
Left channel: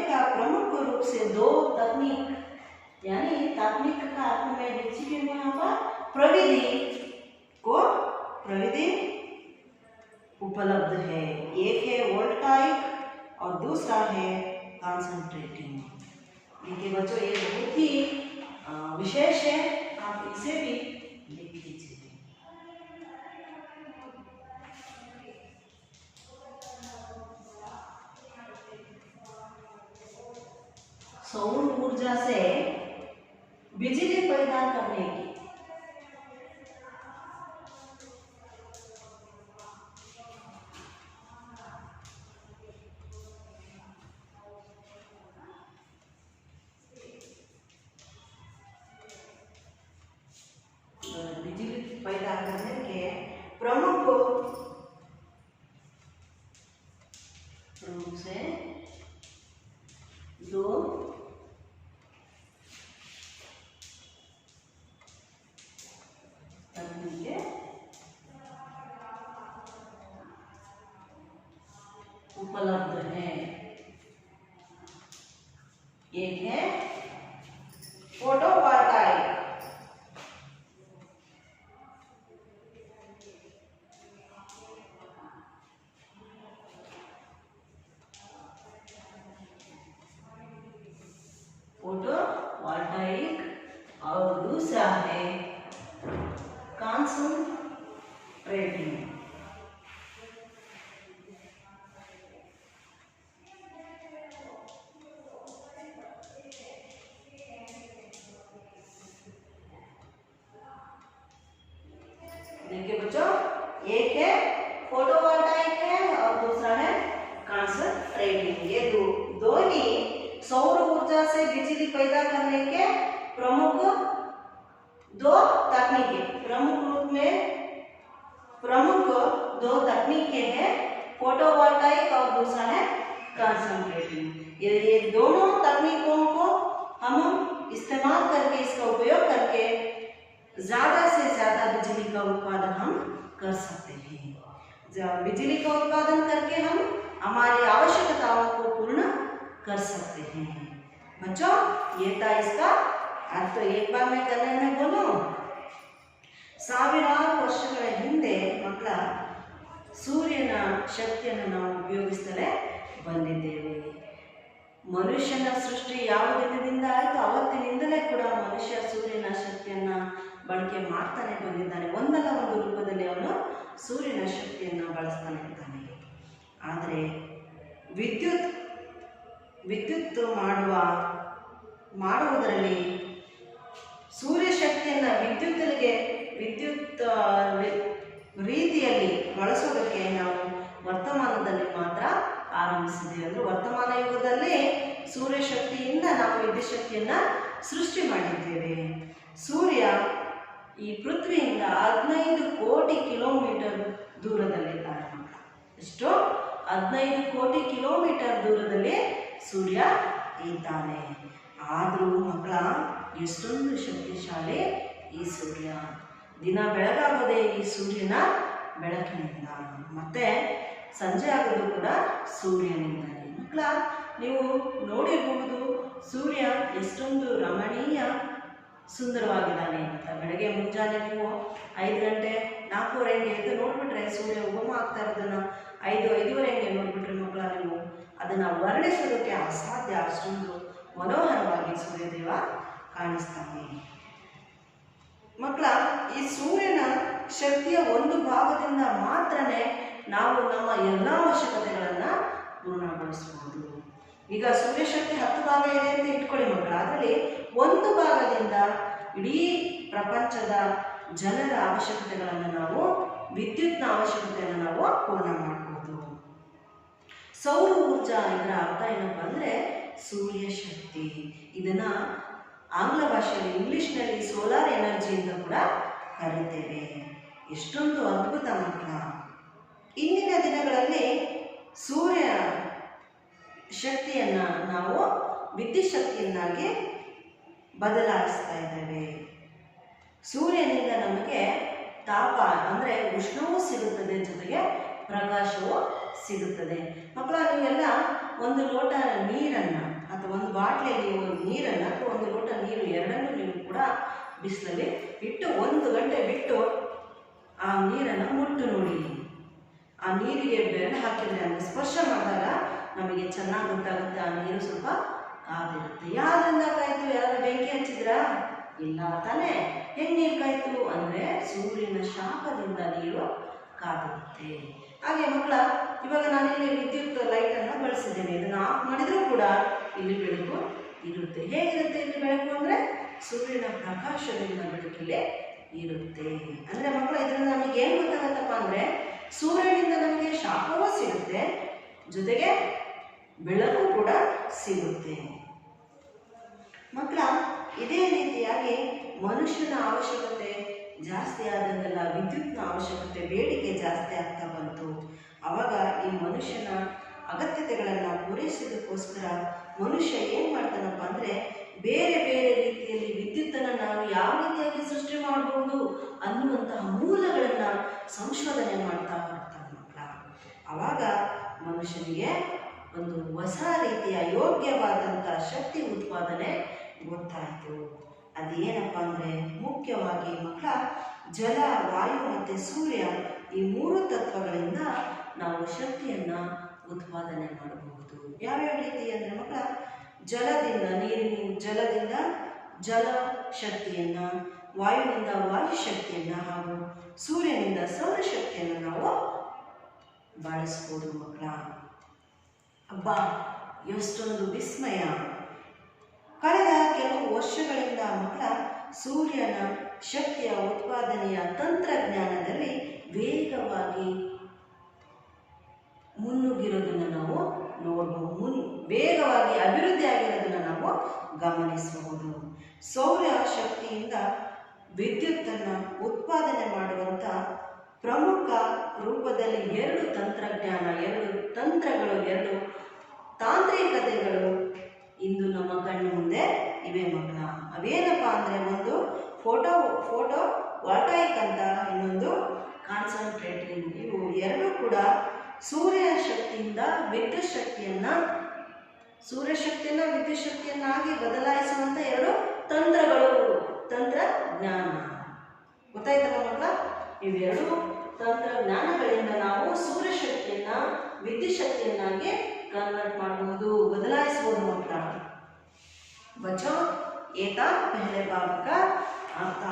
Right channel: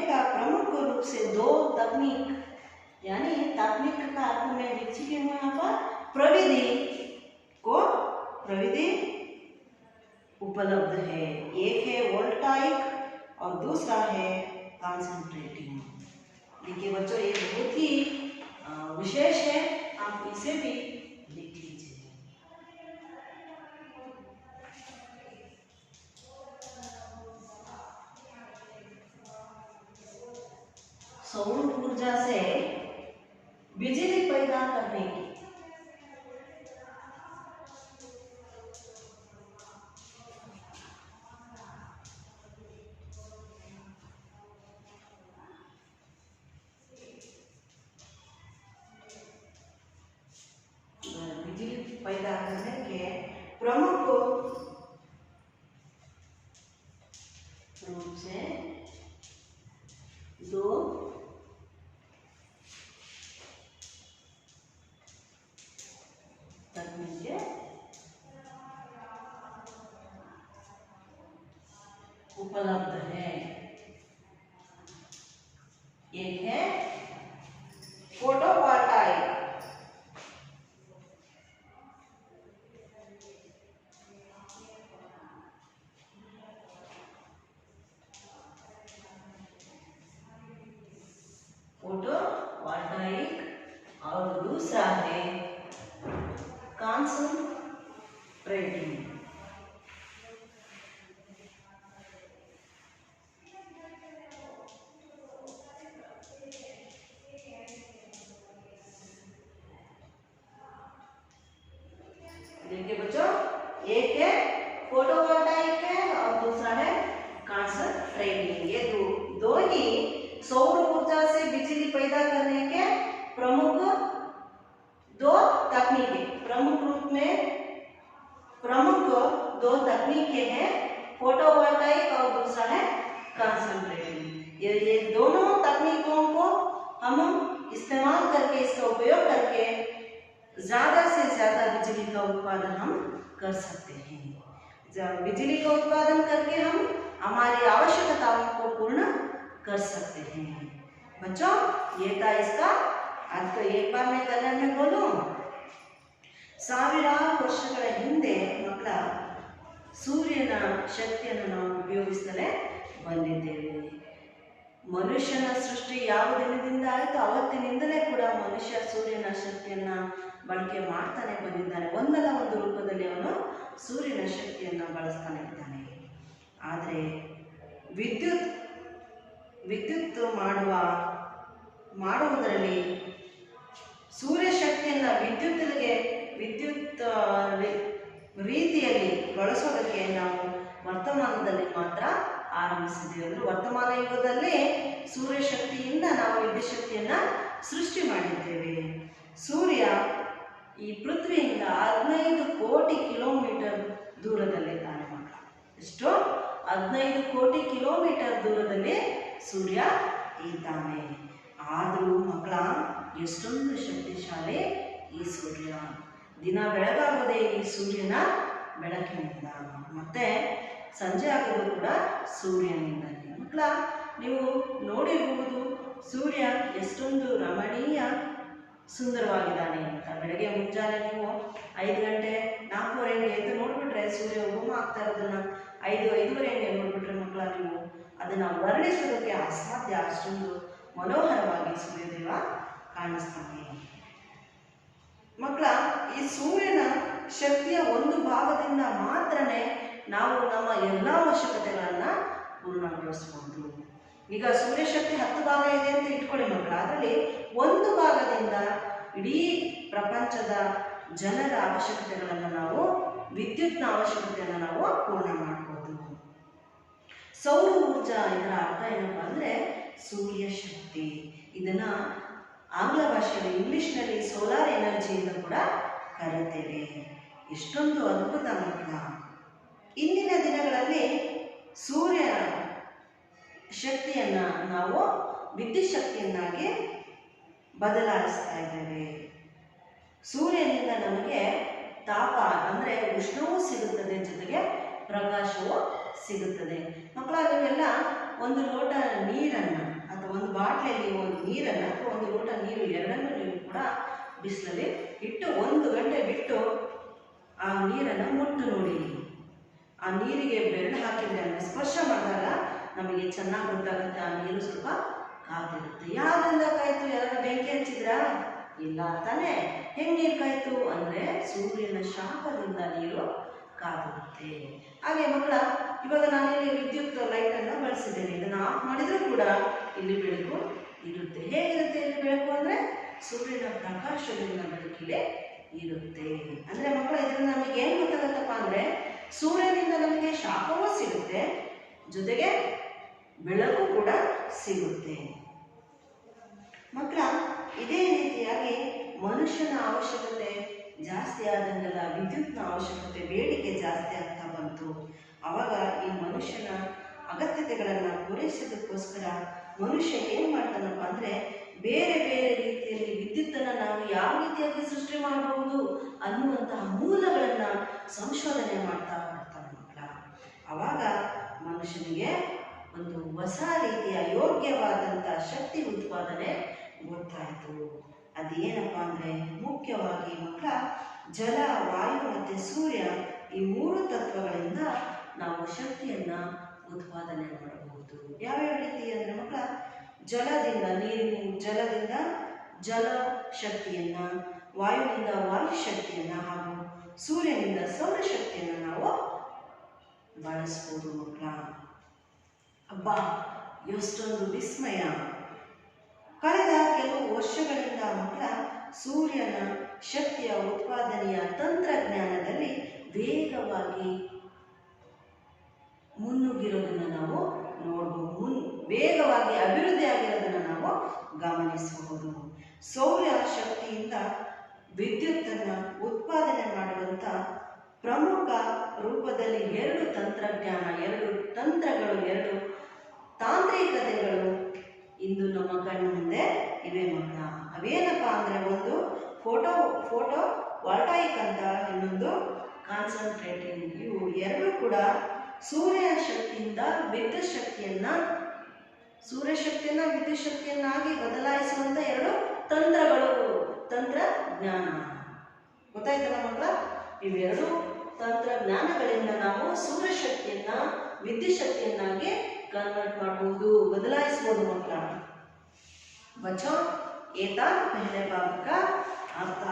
का प्रमुख रूप से दो तकनीक, यानी तकनीक का अर्थ में लिख चुकी हूँ यहाँ पर, प्रविधि उपलब्ध है। एक है वोल्टाइक और दूसरा है कॉन्सेंट्रेटिंग। देखिए बच्चों, ये बहुत ही विशेष है, आप इसे भी लिख लीजिए। सौर ऊर्जा से बिजली पैदा करने की पैदा करने के प्रमुख रूप से दो उपलब्ध है। एक है फोटोवोल्टाइक, फोटोवोल्टाइक और दूसरा है कंसंट्रेटिंग। देखिए बच्चों, एक है फोटोवोल्टाइक है और दूसरा है कंसंट्रेटिंग। ये दो ही सौर ऊर्जा से बिजली पैदा करने के प्रमुख दो तकनीकें, प्रमुख रूप में प्रमुख दो तकनीकें हैं, फोटोवोल्टाइक और दूसरा है कंसंट्रेटिंग। ये दोनों तकनीकों को हम इस्तेमाल करके, इसका उपयोग करके ज्यादा से ज्यादा बिजली का उत्पादन हम कर सकते हैं। बिजली का उत्पादन करके हम हमारी आवश्यकताओं को पूर्ण कर सकते हैं। बच्चों, ये था इसका अर्थ। तो एक बार मैं कन्नड़ में बोलूं। ಸಾವಿರಾರು ವರ್ಷಗಳ ಹಿಂದೆ ಮಕ್ಕಳ ಸೂರ್ಯನ ಶಕ್ತಿಯನ್ನು ನಾವು ಉಪಯೋಗಿಸ್ತಲೇ ಬಂದಿದ್ದೇವೆ. ಮನುಷ್ಯನ ಸೃಷ್ಟಿ ಯಾವ ದಿನದಿಂದ ಆಯಿತು ಅವತ್ತಿನಿಂದಲೇ ಕೂಡ ಮನುಷ್ಯ ಸೂರ್ಯನ ಶಕ್ತಿಯನ್ನು ಬಳಕೆ ಮಾಡ್ತಾನೆ ಬಂದಿದ್ದಾನೆ. ಒಂದಲ್ಲ ಒಂದು ರೂಪದಲ್ಲಿ ಅವನು ಸೂರ್ಯನ ಶಕ್ತಿಯನ್ನು ಬಳಸ್ತಾನೆ ಇದ್ದಾನೆ. ಆದರೆ ವಿದ್ಯುತ್ ಮಾಡುವುದರಲ್ಲಿ ಸೂರ್ಯ ಶಕ್ತಿಯನ್ನು ವಿದ್ಯುತ್ ರೀತಿಯಲ್ಲಿ ಬಳಸೋದಕ್ಕೆ ನಾವು ವರ್ತಮಾನದಲ್ಲಿ ಮಾತ್ರ ಆರಂಭಿಸಿದ್ದೇವೆ. ಅಂದರೆ ವರ್ತಮಾನ ಯುಗದಲ್ಲಿ ಸೂರ್ಯ ಶಕ್ತಿಯಿಂದ ನಾವು ವಿದ್ಯುತ್ ಶಕ್ತಿಯನ್ನು ಸೃಷ್ಟಿ ಮಾಡಿದ್ದೇವೆ. ಸೂರ್ಯ ಈ ಪೃಥ್ವಿಯಿಂದ 15 ಕೋಟಿ ಕಿಲೋಮೀಟರ್ ದೂರದಲ್ಲಿದ್ದಾನೆ ಮಕ್ಕಳ. ಎಷ್ಟು? 15 ಕೋಟಿ ಕಿಲೋಮೀಟರ್ ದೂರದಲ್ಲಿ ಸೂರ್ಯ ಇದ್ದಾನೆ. ಆದರೂ ಮಕ್ಕಳ ಎಷ್ಟೊಂದು ಶಕ್ತಿಶಾಲಿ ಈ ಸೂರ್ಯ. ದಿನ ಬೆಳಗಾಗೋದೇ ಈ ಸೂರ್ಯನ ಬೆಳಕಿನಿಂದ, ಮತ್ತೆ ಸಂಜೆ ಆಗೋದು ಕೂಡ ಸೂರ್ಯನಿಂದಲೇ. ಮಕ್ಕಳ, ನೀವು ನೋಡಿರಬಹುದು ಸೂರ್ಯ ಎಷ್ಟೊಂದು ರಮಣೀಯ ಸುಂದರವಾಗಿದ್ದಾನೆ ಅಂತ. ಬೆಳಗ್ಗೆ ಮುಂಜಾನೆ ನೀವು 5 ಗಂಟೆ 4:15 ಎದ್ದು ನೋಡಿಬಿಟ್ರೆ ಸೂರ್ಯ ಉಗಮ ಆಗ್ತಾ ಇರೋದನ್ನ 5-5:30 ನೋಡಿಬಿಟ್ರೆ ಮಕ್ಕಳ, ನೀವು ಅದನ್ನು ವರ್ಣಿಸೋದಕ್ಕೆ ಅಸಾಧ್ಯ. ಅಷ್ಟೊಂದು ಮನೋಹರವಾಗಿ ಸೂರ್ಯದೇವ ಕಾಣಿಸ್ತಾನೆ. ಮಕ್ಕಳ, ಈ ಸೂರ್ಯನ ಶಕ್ತಿಯ ಒಂದು ಭಾಗದಿಂದ ಮಾತ್ರನೇ ನಾವು ನಮ್ಮ ಎಲ್ಲ ಅವಶ್ಯಕತೆಗಳನ್ನು ಪೂರ್ಣಗೊಳಿಸಬಹುದು. ಈಗ ಸೂರ್ಯಶಕ್ತಿ 10 ಭಾಗ ಇದೆ ಅಂತ ಇಟ್ಕೊಳ್ಳಿ ಮಕ್ಕಳ. ಅದರಲ್ಲಿ ಒಂದು ಭಾಗದಿಂದ ಇಡೀ ಪ್ರಪಂಚದ ಜನರ ಅವಶ್ಯಕತೆಗಳನ್ನು ನಾವು, ವಿದ್ಯುತ್ನ ಅವಶ್ಯಕತೆಯನ್ನು ನಾವು ಪೂರ್ಣ ಮಾಡಬಹುದು. ಸೌರ ಊರ್ಜಾ ಇದರ ಅರ್ಥ ಏನಪ್ಪ ಅಂದರೆ ಸೂರ್ಯ ಶಕ್ತಿ. ಇದನ್ನು ಆಂಗ್ಲ ಭಾಷೆಯಲ್ಲಿ, ಇಂಗ್ಲಿಷ್ನಲ್ಲಿ ಸೋಲಾರ್ ಎನರ್ಜಿ ಅಂತ ಕೂಡ ಕರೀತೇವೆ. ಎಷ್ಟೊಂದು ಅದ್ಭುತ ಮಕ್ಕಳ. ಇಂದಿನ ದಿನಗಳಲ್ಲಿ ಸೂರ್ಯ ಶಕ್ತಿಯನ್ನು ನಾವು ವಿದ್ಯುತ್ ಶಕ್ತಿಯನ್ನಾಗಿ ಬದಲಾಯಿಸ್ತಾ ಇದ್ದೇವೆ. ಸೂರ್ಯನಿಂದ ನಮಗೆ ತಾಪ ಅಂದರೆ ಉಷ್ಣವೂ ಸಿಗುತ್ತದೆ, ಜೊತೆಗೆ ಪ್ರಕಾಶವೂ ಸಿಗುತ್ತದೆ. ಮಕ್ಕಳ, ನೀವೆಲ್ಲ ಒಂದು ಲೋಟ ನೀರನ್ನು ಅಥವಾ ಒಂದು ಬಾಟ್ಲಿಯಲ್ಲಿ ಒಂದು ನೀರನ್ನು ಅಥವಾ ಒಂದು ಲೋಟ ನೀರು ಎರಡನ್ನೂ ನೀವು ಕೂಡ ಬಿಸಿಲಲ್ಲಿ ಇಟ್ಟು 1 ಗಂಟೆ ಬಿಟ್ಟು ಆ ನೀರನ್ನು ಮುಟ್ಟು ನೋಡಿ. ಆ ನೀರಿಗೆ ಬೆರಳು ಹಾಕಿದರೆ, ಅಂದರೆ ಸ್ಪರ್ಶ ಮಾಡಿದಾಗ ನಮಗೆ ಚೆನ್ನಾಗಿ ಗೊತ್ತಾಗುತ್ತೆ ಆ ನೀರು ಸ್ವಲ್ಪ ಕಾದಿರುತ್ತೆ. ಯಾವ್ದ್ರಿಂದ ಕಾಯ್ತು? ಯಾರಾದ್ರೂ ಬೆಂಕಿ ಹಚ್ಚಿದ್ರಾ? ಇಲ್ಲ ತಾನೇ. ಹೆಂಗೆ ನೀರು ಕಾಯ್ತು ಅಂದರೆ ಸೂರ್ಯನ ಶಾಖದಿಂದ ನೀರು ಕಾದಿರುತ್ತೆ. ಹಾಗೆ ಮಕ್ಕಳ, ಇವಾಗ ನಾನಿಲ್ಲಿ ವಿದ್ಯುತ್ ಲೈಟನ್ನು ಬಳಸಿದ್ದೇನೆ. ಇದನ್ನು ಆಫ್ ಮಾಡಿದರೂ ಕೂಡ ಇಲ್ಲಿ ಬೆಳಕು ಇರುತ್ತೆ. ಹೇಗಿರುತ್ತೆ ಇಲ್ಲಿ ಬೆಳಕು ಅಂದರೆ ಸೂರ್ಯನ ಪ್ರಕಾಶದಿಂದ ಬೆಳಕಿಲೆ ಇರುತ್ತೆ. ಅಂದರೆ ಮಕ್ಕಳ, ಇದರಿಂದ ನಮಗೆ ಏನು ಗೊತ್ತಾಗತ್ತಪ್ಪ ಅಂದರೆ ಸೂರ್ಯನಿಂದ ನಮಗೆ ಶಾಖವೂ ಸಿಗುತ್ತೆ, ಜೊತೆಗೆ ಬೆಳಕು ಕೂಡ ಸಿಗುತ್ತೆ. ಮಕ್ಕಳ, ಇದೇ ರೀತಿಯಾಗಿ ಮನುಷ್ಯನ ಅವಶ್ಯಕತೆ ಜಾಸ್ತಿ ಆದಂಗೆಲ್ಲ ವಿದ್ಯುತ್ನ ಅವಶ್ಯಕತೆ, ಬೇಡಿಕೆ ಜಾಸ್ತಿ ಆಗ್ತಾ ಬಂತು. ಆವಾಗ ಈ ಮನುಷ್ಯನ ಅಗತ್ಯತೆಗಳನ್ನು ಪೂರೈಸೋದಕ್ಕೋಸ್ಕರ ಮನುಷ್ಯ ಏನು ಮಾಡ್ತಾನಪ್ಪ ಅಂದರೆ ಬೇರೆ ಬೇರೆ ರೀತಿಯಲ್ಲಿ ವಿದ್ಯುತ್ತನ್ನು ನಾವು ಯಾವ ರೀತಿಯಾಗಿ ಸೃಷ್ಟಿ ಮಾಡಬಹುದು ಅನ್ನುವಂತಹ ಮೂಲಗಳನ್ನು ಸಂಶೋಧನೆ ಮಾಡ್ತಾ ಬರ್ತಾನೆ ಮಕ್ಕಳ. ಆವಾಗ ಮನುಷ್ಯನಿಗೆ ಒಂದು ಹೊಸ ರೀತಿಯ ಯೋಗ್ಯವಾದಂಥ ಶಕ್ತಿ ಉತ್ಪಾದನೆ ಗೊತ್ತಾಯಿತು. ಅದೇನಪ್ಪ ಅಂದರೆ ಮುಖ್ಯವಾಗಿ ಮಕ್ಕಳ ಜಲ, ವಾಯು ಮತ್ತು ಸೂರ್ಯ ಈ 3 ತತ್ವಗಳಿಂದ ನಾವು ಶಕ್ತಿಯನ್ನು ಉತ್ಪಾದನೆ ಮಾಡಬಹುದು. ಯಾವ್ಯಾವ ರೀತಿ ಅಂದರೆ ಮಕ್ಕಳ ಜಲದಿಂದ ಜಲದಿಂದ ಜಲ ಶಕ್ತಿಯನ್ನು, ವಾಯುವಿನಿಂದ ವಾಯು ಶಕ್ತಿಯನ್ನು ಹಾಗೂ ಸೂರ್ಯನಿಂದ ಸೌರಶಕ್ತಿಯನ್ನು ನಾವು ಬಳಸ್ಬೋದು ಮಕ್ಕಳ. ಅಬ್ಬಾ, ಎಷ್ಟೊಂದು ವಿಸ್ಮಯ! ಕಳೆದ ಕೆಲವು ವರ್ಷಗಳಿಂದ ಮಕ್ಕಳ ಸೂರ್ಯನ ಶಕ್ತಿಯ ಉತ್ಪಾದನೆಯ ತಂತ್ರಜ್ಞಾನದಲ್ಲಿ ವೇಗವಾಗಿ ಮುನ್ನುಗ್ಗಿರೋದನ್ನು ನಾವು ನೋಡಬಹುದು. ವೇಗವಾಗಿ ಅಭಿವೃದ್ಧಿ ಆಗಿರೋದನ್ನು ನಾವು ಗಮನಿಸಬಹುದು. ಸೌರ ಶಕ್ತಿಯಿಂದ ವಿದ್ಯುತ್ತನ್ನು ಉತ್ಪಾದನೆ ಮಾಡುವಂಥ ಪ್ರಮುಖ ರೂಪದಲ್ಲಿ 2 ತಂತ್ರಜ್ಞಾನ, 2 ತಂತ್ರಗಳು, 2 ತಾಂತ್ರಿಕತೆಗಳು ಇಂದು ನಮ್ಮ ಕಣ್ಣು ಮುಂದೆ ಇವೆ ಮಕ್ಕಳ. ಅವೇನಪ್ಪ ಅಂದರೆ ಒಂದು ಫೋಟೋ ವಾಲ್ಟಾಯಿಕ್ ಅಂತ, ಇನ್ನೊಂದು ಕಾನ್ಸಂಟ್ರೇಟಿಂಗ್. ಇವು 2 ಕೂಡ ಸೂರ್ಯ ಶಕ್ತಿಯಿಂದ ವಿದ್ಯುತ್ ಶಕ್ತಿಯನ್ನು ವಿದ್ಯುತ್ ಶಕ್ತಿಯನ್ನಾಗಿ ಬದಲಾಯಿಸುವಂಥ 2 ತಂತ್ರಜ್ಞಾನ. ಗೊತ್ತಾಯ್ತಲ್ಲ ಮಕ್ಕಳ? ಇವೆರಡು ತಂತ್ರಜ್ಞಾನಗಳಿಂದ ನಾವು ಸೂರ್ಯಶಕ್ತಿಯನ್ನು ವಿದ್ಯುತ್ ಶಕ್ತಿಯನ್ನಾಗಿ ಕನ್ವರ್ಟ್ ಮಾಡಬಹುದು, ಬದಲಾಯಿಸಬಹುದು ಮಕ್ಕಳ. बच्चों ये था पहले बाब का अर्थ।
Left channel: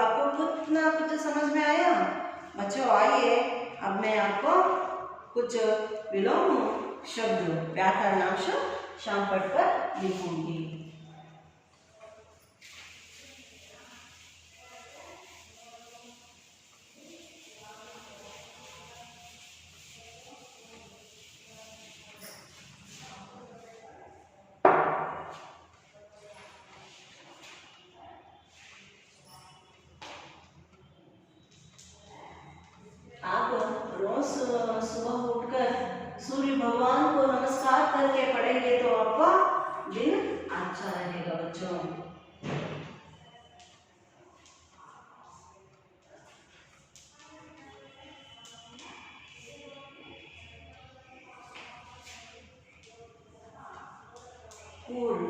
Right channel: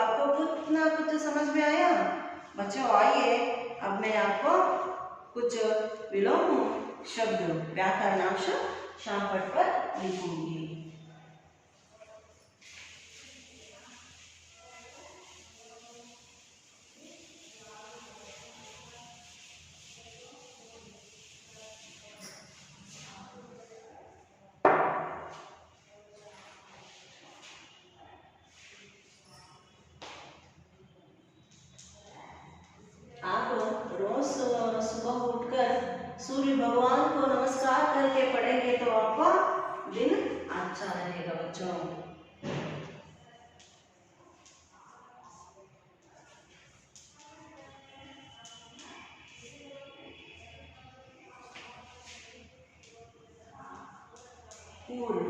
आपको कुछ ना कुछ समझ में आया? बच्चों आइए, अब मैं आपको कुछ विलोम शब्द, व्याकरणांश शामपट पर लिखूंगी। सुबह उठकर सूर्य भगवान को नमस्कार करके पढ़ेंगे तो आपका दिन अच्छा रहेगा बच्चों। पूर्ण,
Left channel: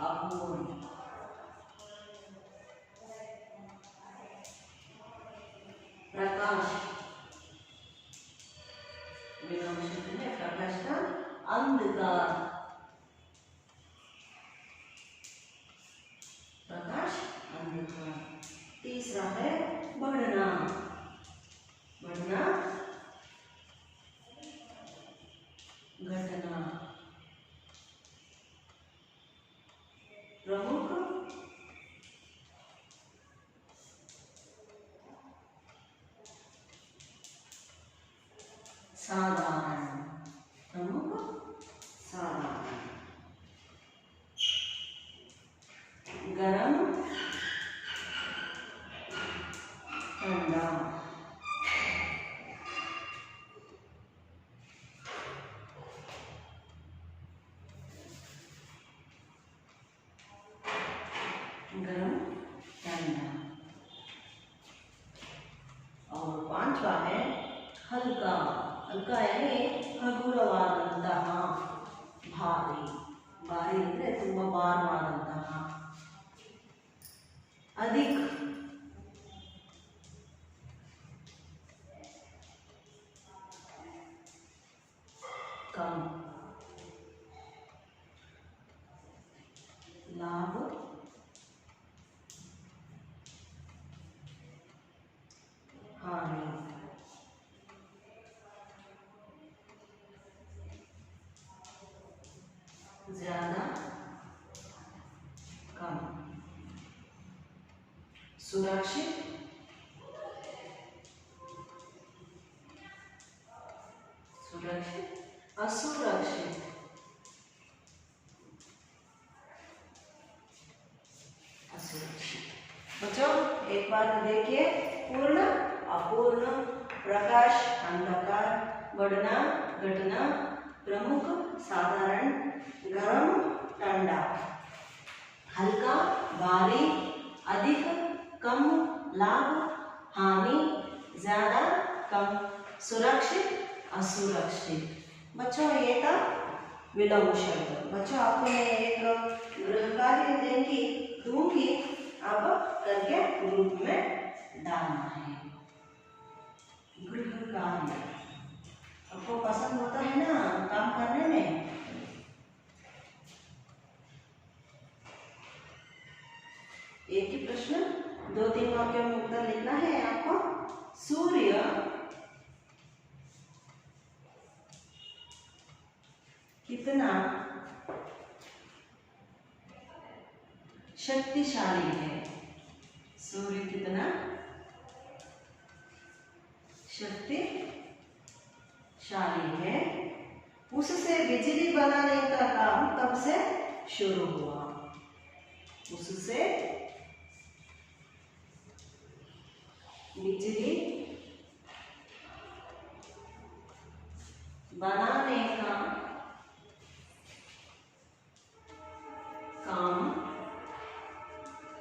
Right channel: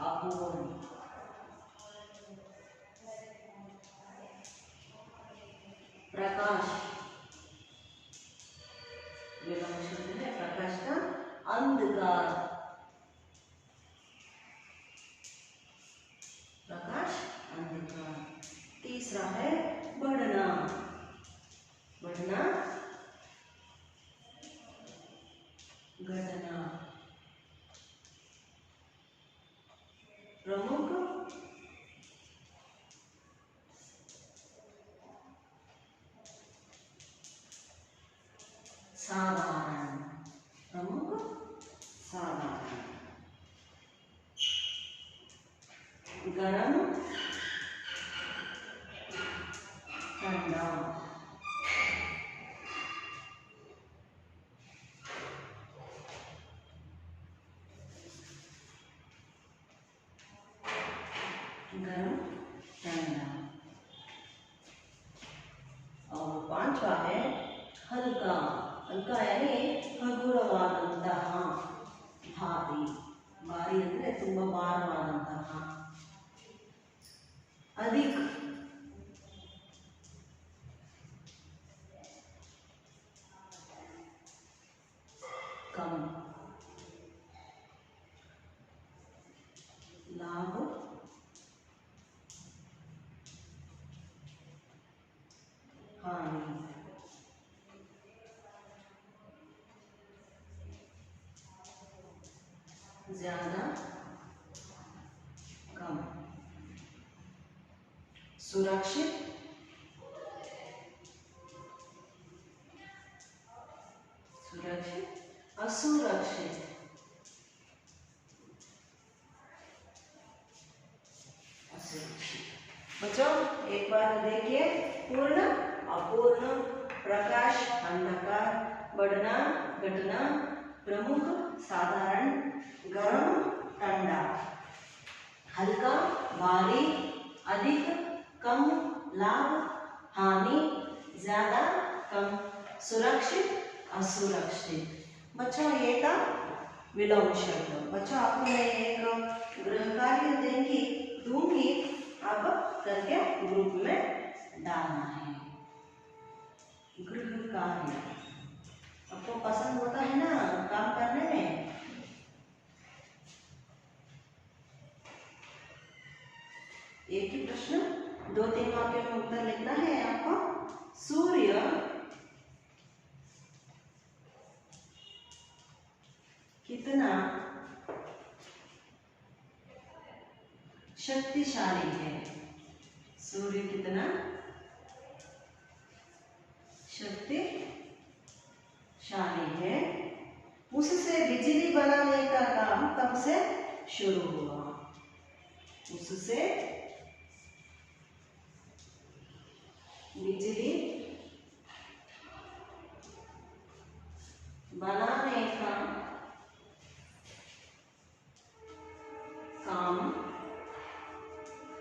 अपूर्ण, प्रकाश, प्रकाश का अंधकार, प्रकाश अंधकार। तीसरा है बढ़ना, बढ़ना घटना, प्रमुख साधारण, प्रमुख साधारण। गरम ठंडा, गरम ठंडा। और 5वां है हल्का, हल्का यानी ಹಗುರವಾದಂತಹ, ಭಾರಿ, ಭಾರಿ ಅಂದರೆ ತುಂಬ ಭಾರವಾದಂತಹ, ಅಧಿಕ, कम, लाभ, हानि, ज्यादा, कम, सुरक्षित, सुरक्षित, असुरक्षित, असुरक्षित। बच्चों एक बार देखिए, पूर्ण, अपूर्ण, प्रकाश, अंधकार, बढ़ना, घटना, प्रमुख, साधारण, गरम, ठंडा, हल्का, भारी, अधिक, कम, लाभ, हानि, ज्यादा, कम, सुरक्षित, असुरक्षित। बच्चों ये था विलोम शब्द। बच्चों आपको मैं एक गृह कार्य दूंगी, अब करके ग्रुप में डालना है। गृह कार्य आपको पसंद होता है ना काम करने में? एक ही प्रश्न 2-3 वाक्यों में उत्तर लिखना है आपको। सूर्य कितना शक्तिशाली है? सूर्य कितना शक्तिशाली है? उससे बिजली बनाने का काम कब से शुरू हुआ? उससे बिजली बनाने का काम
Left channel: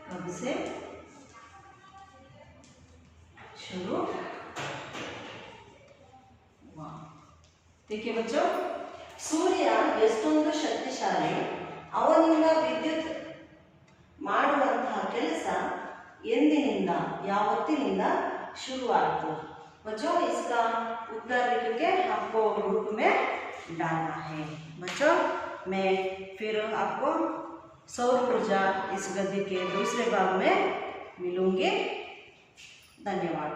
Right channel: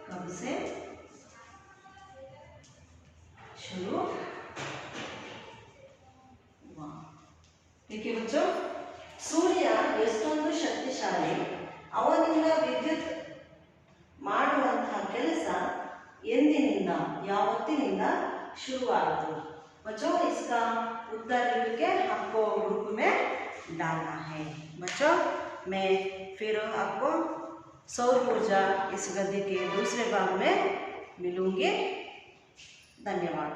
कब से शुरू हुआ? देखिए बच्चों, सूर्य ಎಷ್ಟೊಂದು ಶಕ್ತಿಶಾಲಿ, ಅವನಿಂದ ವಿದ್ಯುತ್ ಮಾಡುವಂತಹ ಕೆಲಸ ಎಂದಿನಿಂದ ಯಾವತ್ತಿನಿಂದ शुरुआत। बच्चों इसका उत्तर लिख के आपको ग्रुप में डालना है। बच्चों मैं फिर आपको सौर ऊर्जा इस गद्य के दूसरे भाग में मिलूंगी। धन्यवाद।